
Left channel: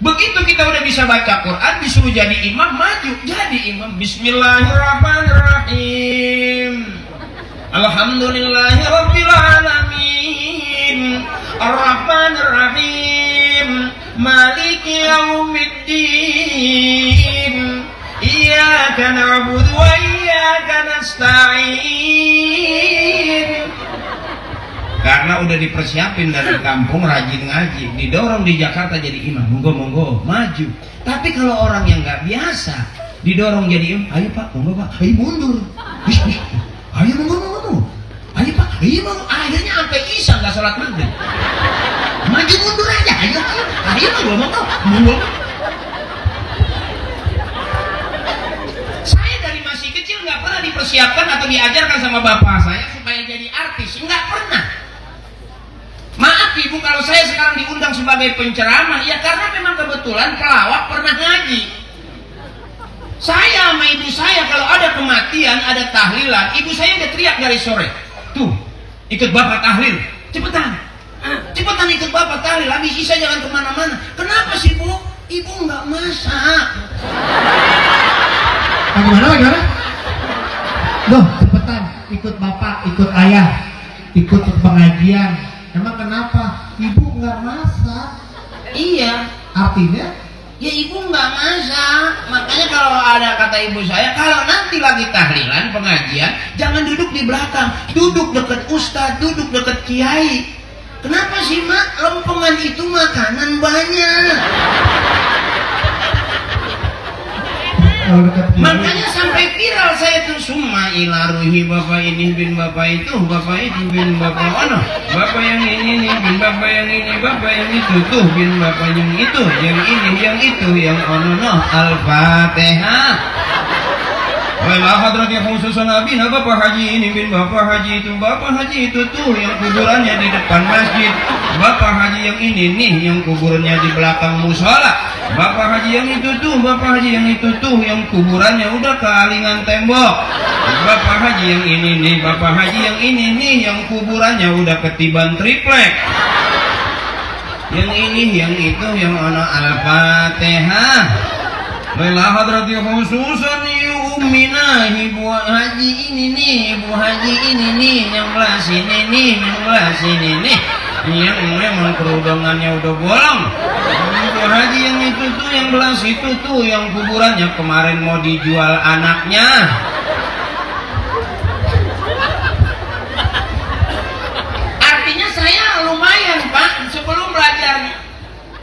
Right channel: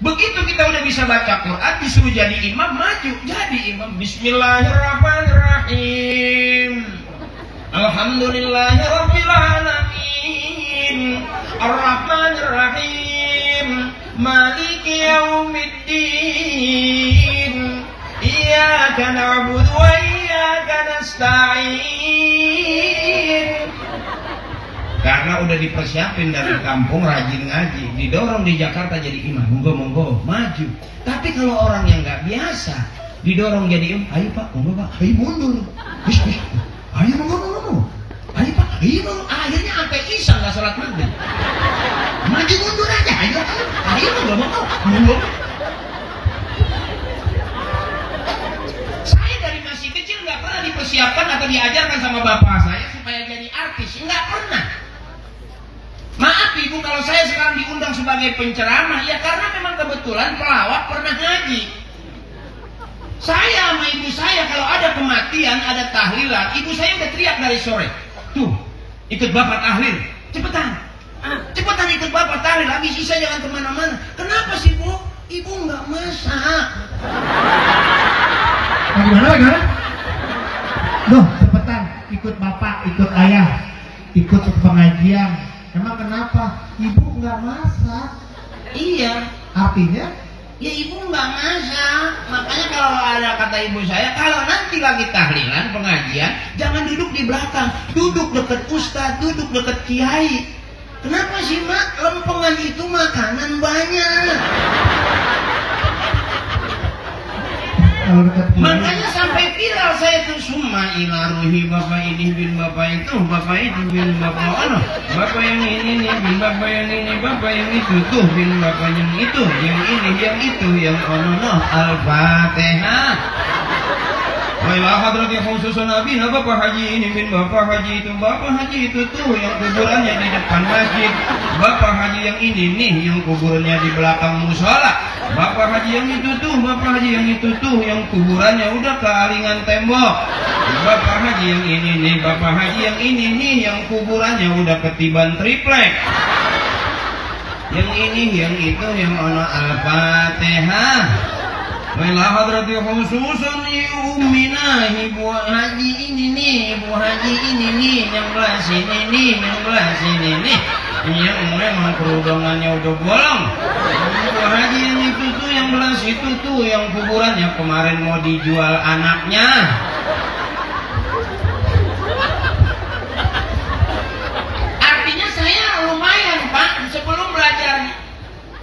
begitu kita udah bisa baca Quran, disuruh jadi imam, maju jadi imam. Bismillahirrahmanirrahim. Alhamdulillahirabbil alamin. Arrahmanirrahim. Maliki yaumiddin. Iyyaka na'budu wa iyyaka nasta'in. Karena udah dipersiapin dari kampung, rajin ngaji, didorong di Jakarta jadi imam, monggo maju. Tapi kalau orang yang nggak biasa didorong jadi imam, ayo Pak, monggo Pak, ayo mundur, ayo monggo, ayo Pak, ayo monggo. Akhirnya sampai isya nggak sholat maghrib, maju mundur aja, ayo monggo. Saya dari masih kecil nggak pernah dipersiapkan atau diajarkan sama bapak saya supaya jadi artis, nggak pernah. Maaf ibu kalau saya sekarang diundang sebagai penceramah, ya karena memang kebetulan pelawak pernah ngaji. Saya sama ibu saya kalau ada kematian, ada tahlilan, ibu saya udah teriak dari sore, tuh ikut bapak tahlil, cepetan ikut bapak tahlil, habis isya jangan kemana-mana. Kenapa sih bu? Ibu nggak masak. Bagaimana? Loh, cepetan ikut bapak, ikut ayah, ikut pengajian. Emang kenapa? Ibu nggak masak. Iya. Artinya? Ya ibu nggak masak. Makanya kalau ada kata ibu saya, kalau nanti lagi tahlilan pengajian, jangan duduk di belakang, duduk dekat ustaz, duduk dekat kiai. Kenapa sih mak? Lempengan itu makanan banyak. Makanya sampai viral saya tuh, summa ila ruhi bapak ini bin bapak itu, bapak itu bin bapak ono, bapak yang ini nih bin bapak yang ini, bapak yang itu tuh bin bapak yang itu, yang ini yang itu yang ono. No Al-Fatihah. Wala hadrati khususun nabi, bapak haji ini bin bapak haji itu, bapak haji itu tuh yang kuburannya di depan masjid, bapak haji yang ini nih yang kuburannya di belakang musola. Bapak haji yang itu tuh, bapak haji yang itu tuh, yang kuburannya udah kealingan tembok. Bapak haji yang ini nih, bapak haji yang ini nih, yang kuburannya udah ketiban triplek. Yang ini, yang itu, yang ana Al-Fatihah. Lila hadrati khususan Umi ibu haji ini nih, ibu haji ini nih, yang belah sini nih, yang belah sini nih. Iya, memang kerudungannya udah bolong. Ibu haji yang itu tuh, yang belah situ tuh, yang kuburannya kemarin mau dijual anaknya. Artinya saya lumayan Pak, sebelum belajar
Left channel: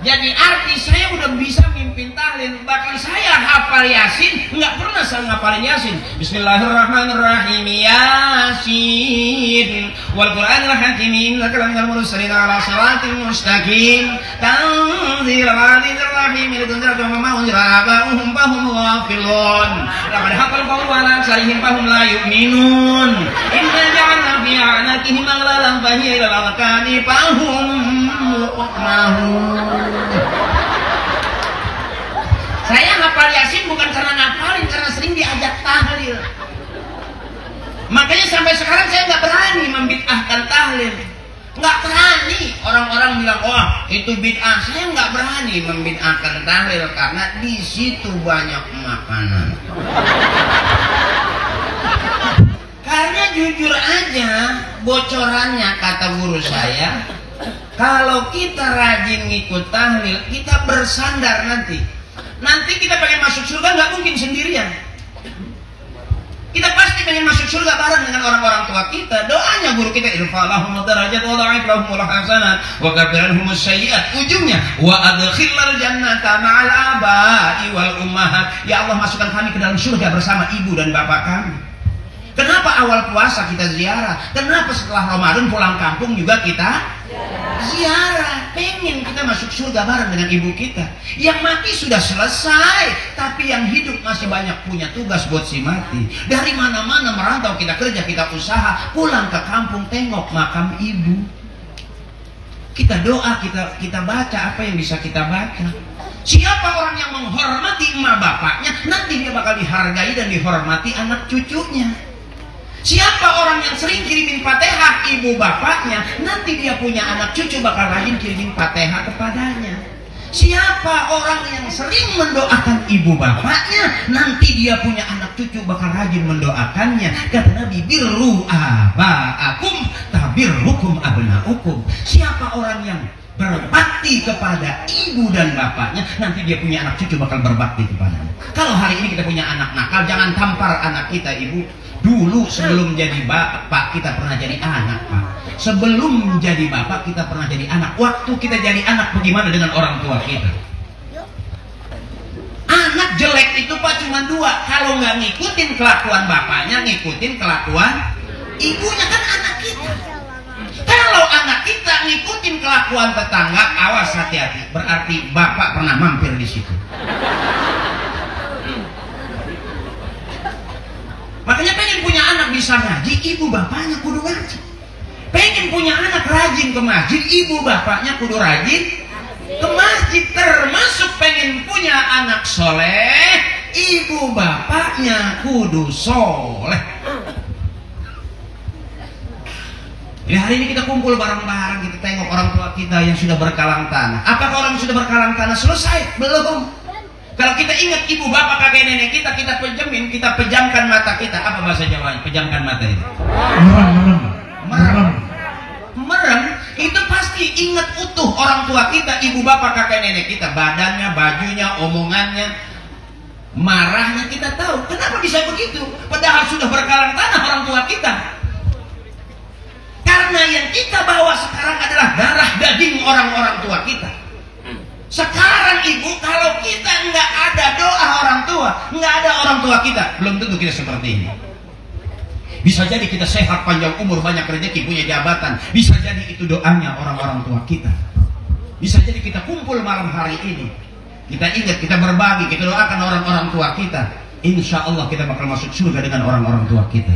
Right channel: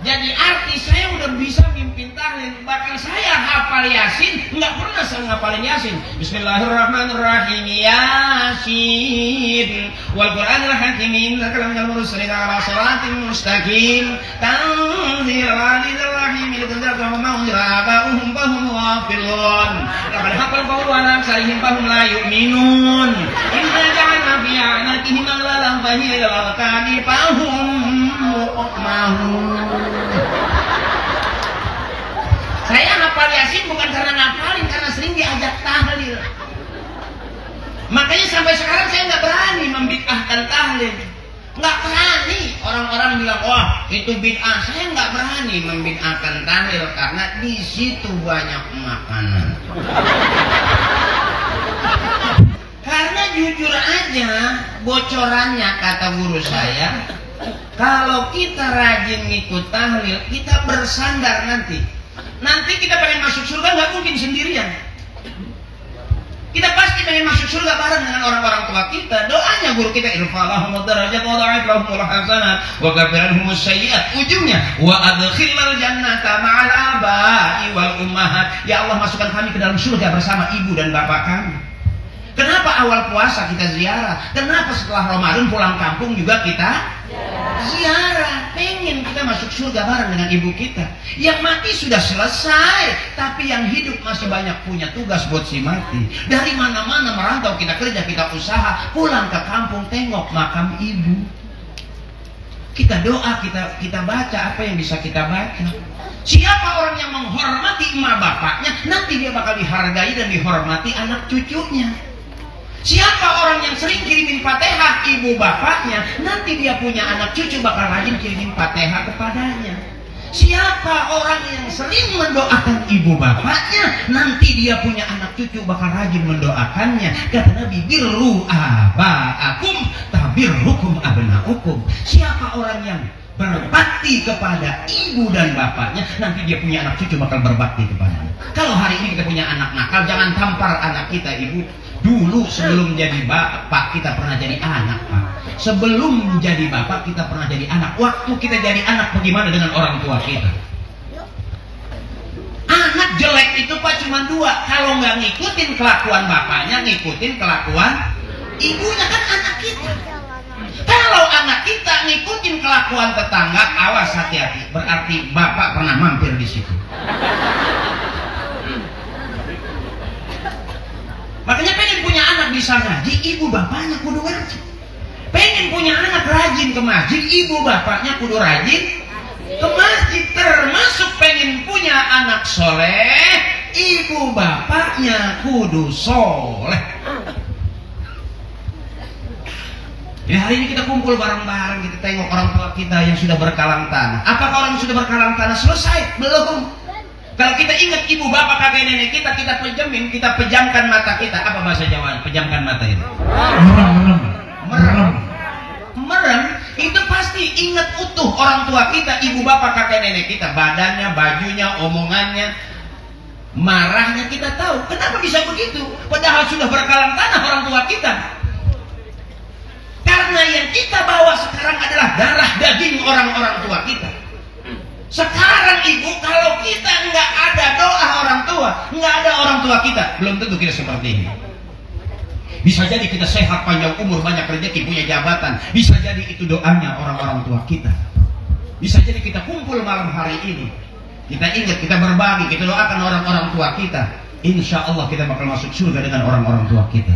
jadi artis saya udah bisa mimpin tahlil, bahkan saya hafal Yasin, nggak pernah saya ngapalin Yasin. Bismillahirrahmanirrahim, Yasin wal Qur'anil hakim, innaka laminal mursalin ala shiratin mustaqim, tanzilul azizir rahim, litunzira ma unzira abahum fahum ghafilun, laqad haqqal qawlu ala aktharihim fahum la yu'minun, inna ja'alna fi a'naqihim aghlalan fahiya ilal azqani fahum muqmahun. Saya ngapal Yasin bukan karena ngapalin, karena sering diajak tahlil. Makanya sampai sekarang saya nggak berani membid'ahkan tahlil. Nggak berani. Orang-orang bilang, wah itu bid'ah. Saya nggak berani membid'ahkan tahlil karena di situ banyak makanan. Karena jujur aja, bocorannya kata guru saya, kalau kita rajin ngikut tahlil, kita bersandar nanti. Nanti kita pengen masuk surga nggak mungkin sendirian. Kita pasti pengen masuk surga bareng dengan orang-orang tua kita. Doanya guru kita, irfa'lahum darajat wa dha'if lahumul hasanat wa kaffir anhum sayyi'at. Ujungnya wa adkhilnal jannata ma'al aba'i wal ummahat. Ya Allah, masukkan kami ke dalam surga bersama ibu dan bapak kami. Kenapa awal puasa kita ziarah? Kenapa setelah Ramadan pulang kampung juga kita ziarah? Pengen kita masuk surga bareng dengan ibu kita. Yang mati sudah selesai, tapi yang hidup masih banyak punya tugas buat si mati. Dari mana-mana merantau kita kerja, kita usaha, pulang ke kampung tengok makam ibu. Kita doa, kita baca apa yang bisa kita baca. Siapa orang yang menghormati emak bapaknya, nanti dia bakal dihargai dan dihormati anak cucunya. Siapa orang yang sering kirimin Fatihah ibu bapaknya, nanti dia punya anak cucu bakal rajin kirimin Fatihah kepadanya. Siapa orang yang sering mendoakan ibu bapaknya, nanti dia punya anak cucu bakal rajin mendoakannya. Kata Nabi, birru aba'akum tabirrukum abna'ukum. Siapa orang yang berbakti kepada ibu dan bapaknya, nanti dia punya anak cucu bakal berbakti kepadanya. Kalau hari ini kita punya anak nakal, jangan tampar anak kita, ibu. Dulu sebelum jadi bapak kita pernah jadi anak. Sebelum jadi bapak kita pernah jadi anak. Waktu kita jadi anak, bagaimana dengan orang tua kita? Anak jelek itu Pak cuma dua. Kalau nggak ngikutin kelakuan bapaknya, ngikutin kelakuan ibunya, kan anak kita. Kalau anak kita ngikutin kelakuan tetangga, awas hati-hati. Berarti bapak pernah mampir di situ. Makanya pengen punya anak bisa ngaji, ibu bapaknya kudu ngaji. Pengen punya anak rajin ke masjid, ibu bapaknya kudu rajin ke masjid. Termasuk pengen punya anak soleh, ibu bapaknya kudu soleh. Ya, hari ini kita kumpul bareng-bareng, kita tengok orang tua kita yang sudah berkalang tanah. Apakah orang yang sudah berkalang tanah selesai? Belum. Kalau kita ingat ibu bapak kakek nenek kita pejamin, kita pejamkan mata kita. Apa bahasa Jawa? Pejamkan mata itu. Merem. Itu pasti ingat utuh orang tua kita, ibu bapak kakek nenek kita, badannya, bajunya, omongannya, marahnya kita tahu. Kenapa bisa begitu? Padahal sudah berkalang tanah orang tua kita. Karena yang kita bawa sekarang adalah darah daging orang-orang tua kita. Sekarang ibu, kalau kita nggak ada doa orang tua, nggak ada orang tua kita, belum tentu kita seperti ini. Bisa jadi kita sehat, panjang umur, banyak rezeki, punya jabatan. Bisa jadi itu doanya orang-orang tua kita. Bisa jadi kita kumpul malam hari ini, kita ingat, kita berbagi, kita doakan orang-orang tua kita. Insya Allah kita bakal masuk surga dengan orang-orang tua kita.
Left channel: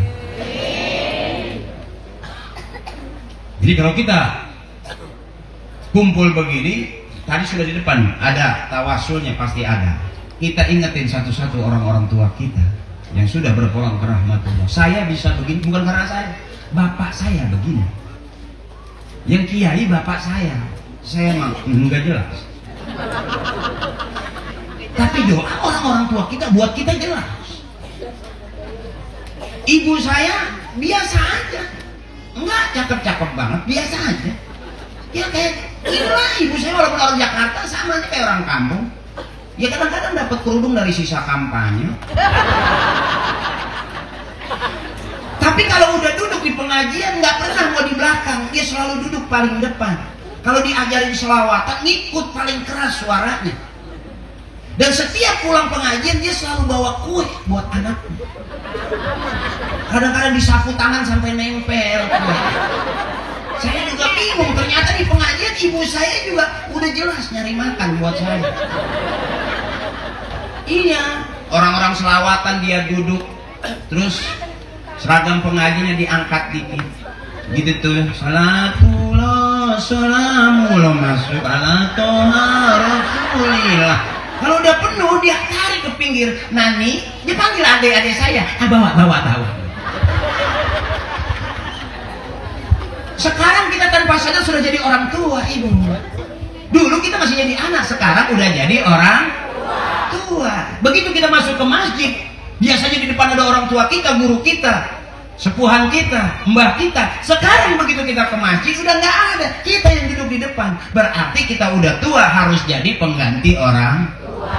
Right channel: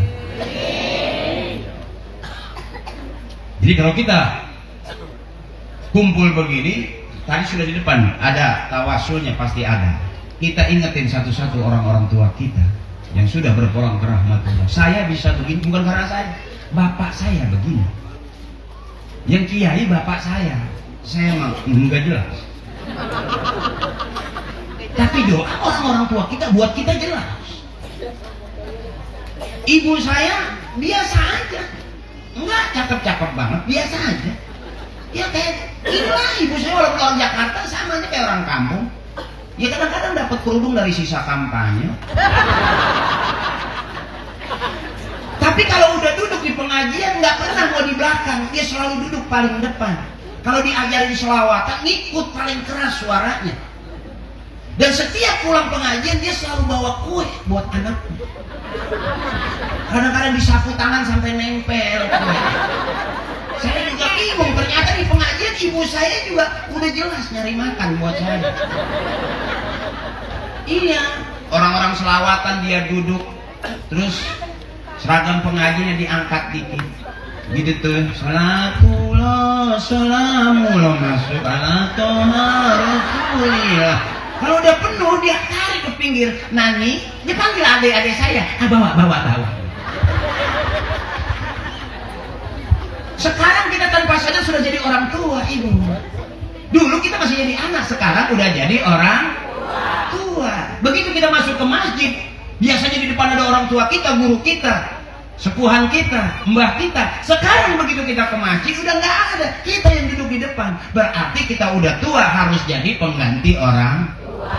Jadi kalau kita kumpul begini, tadi sudah di depan ada tawasulnya, pasti ada. Kita ingetin satu-satu orang-orang tua kita yang sudah berpulang ke rahmatullah. Saya bisa begini bukan karena saya, bapak saya begini. Yang kiai bapak saya mah enggak jelas. Tapi doa orang-orang tua kita buat kita jelas. Ibu saya biasa aja, enggak cakep-cakep banget, biasa aja. Ya kayak inilah ibu saya kalau orang Jakarta sama aja kayak orang kampung. Ya kadang-kadang dapat kerudung dari sisa kampanye. Tapi kalau udah duduk di pengajian nggak pernah mau di belakang, dia selalu duduk paling depan. Kalau diajarin selawatan, ngikut paling keras suaranya. Dan setiap pulang pengajian dia selalu bawa kue buat anaknya. Kadang-kadang disapu tangan sampai nempel. Saya juga bingung, ternyata di pengajian ibu saya juga udah jelas nyari makan buat saya. Iya, orang-orang selawatan dia duduk, terus seragam pengajiannya diangkat dikit. Gitu tuh, salatullah, salamullah masuk ala toha rasulillah. Kalau udah penuh dia cari ke pinggir, Nani, dia panggil adik-adik saya, bawa tahu. Sekarang kita tanpa sadar sudah jadi orang tua, ibu. Dulu kita masih jadi anak, sekarang udah jadi orang tua. Begitu kita masuk ke masjid, biasanya di depan ada orang tua kita, guru kita, sepuhan kita, mbah kita. Sekarang begitu kita ke masjid sudah nggak ada, kita yang duduk di depan. Berarti kita udah tua, harus jadi pengganti orang tua.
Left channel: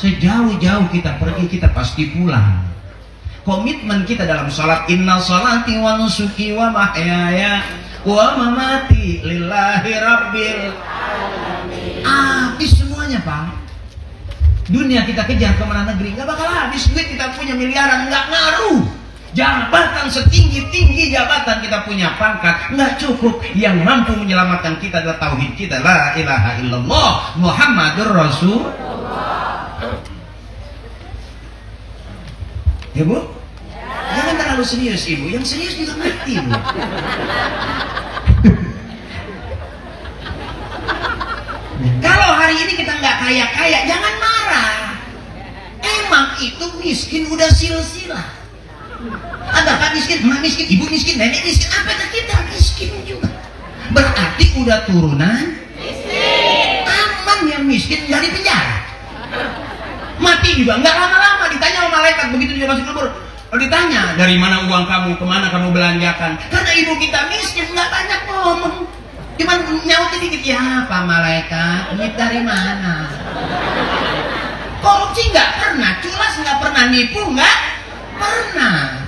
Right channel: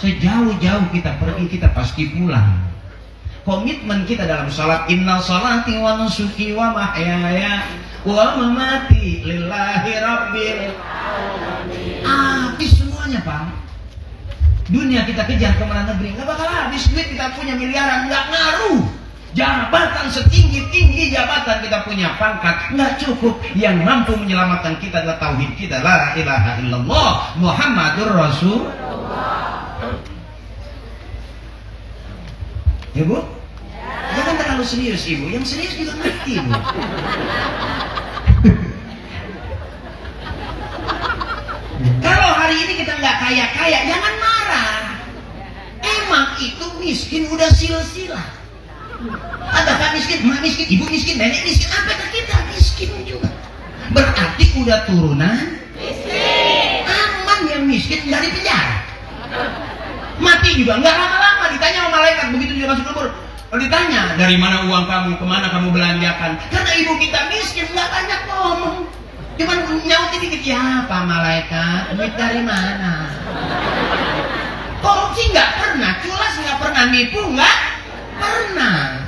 Sejauh-jauh kita pergi, kita pasti pulang. Komitmen kita dalam sholat, inna sholati wa nusuki wa mahyaya wa mamati lillahi rabbil alamin. Habis semuanya, Pak. Dunia kita kejar kemana negeri, nggak bakal habis. Duit kita punya miliaran, nggak ngaruh. Jabatan setinggi-tinggi jabatan kita punya, pangkat nggak cukup. Yang mampu menyelamatkan kita adalah tauhid kita, la ilaha illallah Muhammadur Rasulullah. Ya Bu? Jangan terlalu serius ibu, yang serius juga ngerti Bu. Kalau hari ini kita nggak kaya-kaya, jangan marah. Emang itu miskin udah silsilah. Ada tak miskin, mak miskin, ibu miskin, nenek miskin, apakah kita miskin juga? Berarti udah turunan miskin. Aman yang miskin dari penjara. Mati juga nggak lama-lama ditanya sama malaikat begitu dia masuk kubur. Kalau ditanya dari mana uang kamu, kemana kamu belanjakan? Karena ibu kita miskin nggak banyak ngomong. Cuman nyaut dikit, ya Pak Malaikat, duit dari mana? Korupsi nggak pernah, culas nggak pernah, nipu nggak pernah.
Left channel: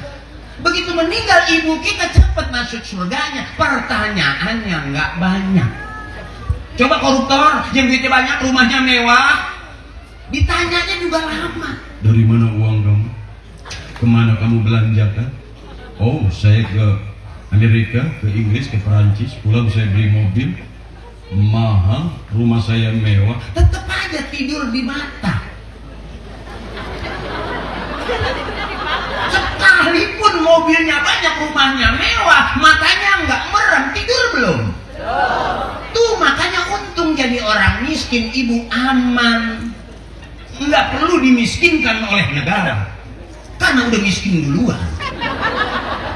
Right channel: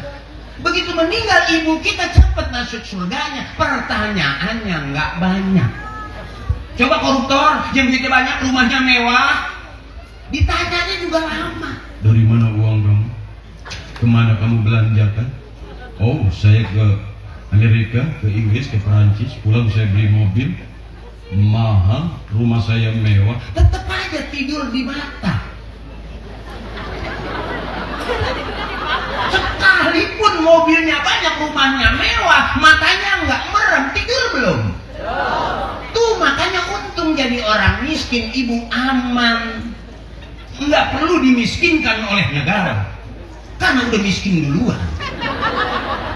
Begitu meninggal ibu kita cepat masuk surganya, pertanyaannya nggak banyak. Coba koruptor, yang duitnya banyak, rumahnya mewah, ditanyanya juga lama. Dari mana uang kamu? Kemana kamu belanjakan? Oh, saya ke Amerika, ke Inggris, ke Perancis, pulang saya beli mobil mahal, rumah saya mewah. Tetap aja tidur di mata. Sekalipun mobilnya banyak, rumahnya mewah, matanya nggak merem, tidur belum? Tuh makanya untung jadi orang miskin, ibu aman. Nggak perlu dimiskinkan oleh negara, karena udah miskin duluan.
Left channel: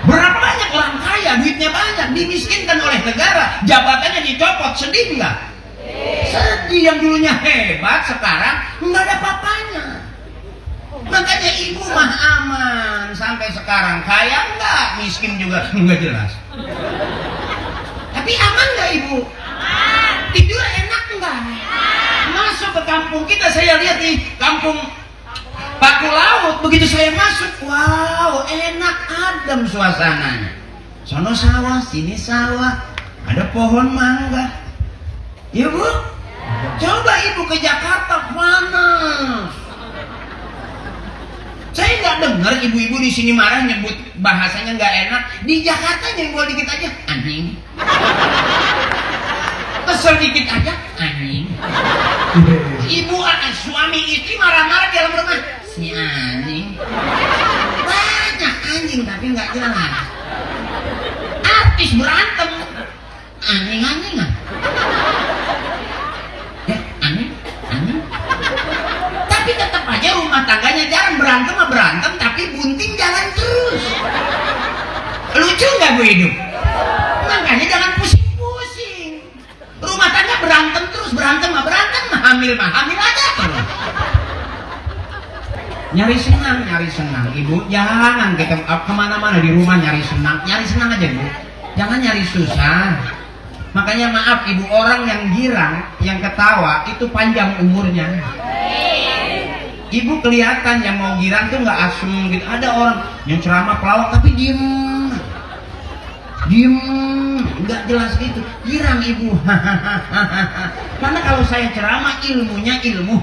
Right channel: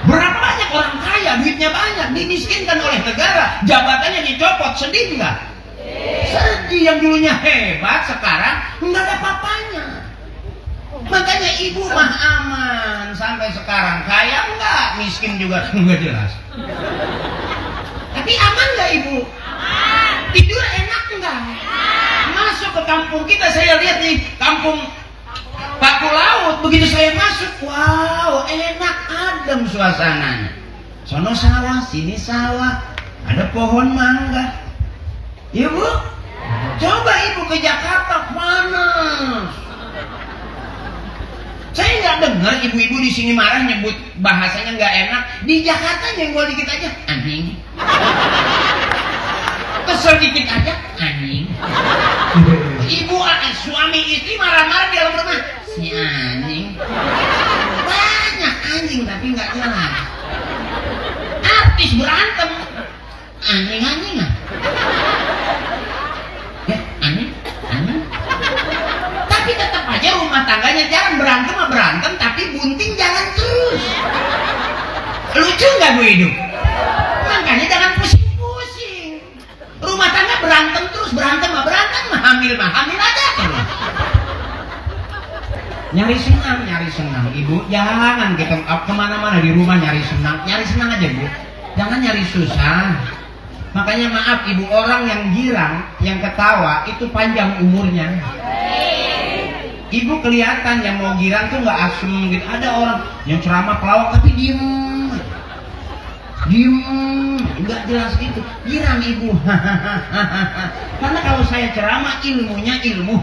Berapa banyak orang kaya, duitnya banyak, dimiskinkan oleh negara, jabatannya dicopot, sedih nggak? Sedih. Yang dulunya hebat, sekarang nggak ada apa-apanya. Makanya ibu mah aman sampai sekarang, kaya enggak, miskin juga nggak jelas. Tapi aman nggak ibu? Aman. Tidur enak enggak? Masuk ke kampung kita, saya lihat nih kampung Paku Laut, begitu saya masuk, wow, enak, adem suasananya. Sono sawah, sini sawah, ada pohon mangga. Ya Bu, coba ibu ke Jakarta, panas. Saya nggak dengar ibu-ibu di sini marah nyebut bahasanya nggak enak. Di Jakarta nyenggol dikit aja, anjing. Kesel dikit aja, anjing. Ibu suami istri marah-marah di dalam rumah, si anjing. Banyak anjing tapi nggak jelas. Artis berantem, anjing-anjingan. Ya, anjing. Tapi tetap aja rumah tangganya jangan berantem, tapi bunting jalan terus. Lucu nggak Bu hidup? Makanya jangan pusing-pusing. Rumah tangga berantem terus, berantem mah hamil aja terus. nyari senang ibu, jangan kita kemana-mana di rumah nyari senang aja bu, jangan nyari susah. Makanya maaf ibu, orang yang girang, yang ketawa itu panjang umurnya. Ibu kelihatan yang mau girang tuh nggak asum gitu. Ada orang yang ceramah pelawak tapi diem, nggak jelas gitu. Girang ibu, karena kalau saya ceramah ilmunya ilmu.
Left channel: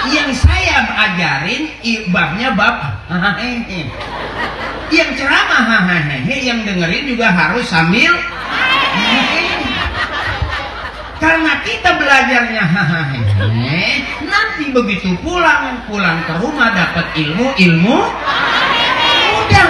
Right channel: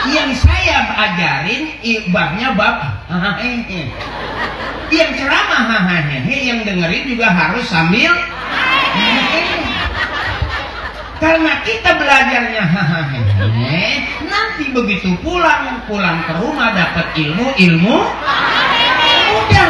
Yang saya ajarin babnya bab. Yang ceramah yang dengerin juga harus sambil. Karena kita belajarnya nanti begitu pulang ke rumah dapat ilmu udah.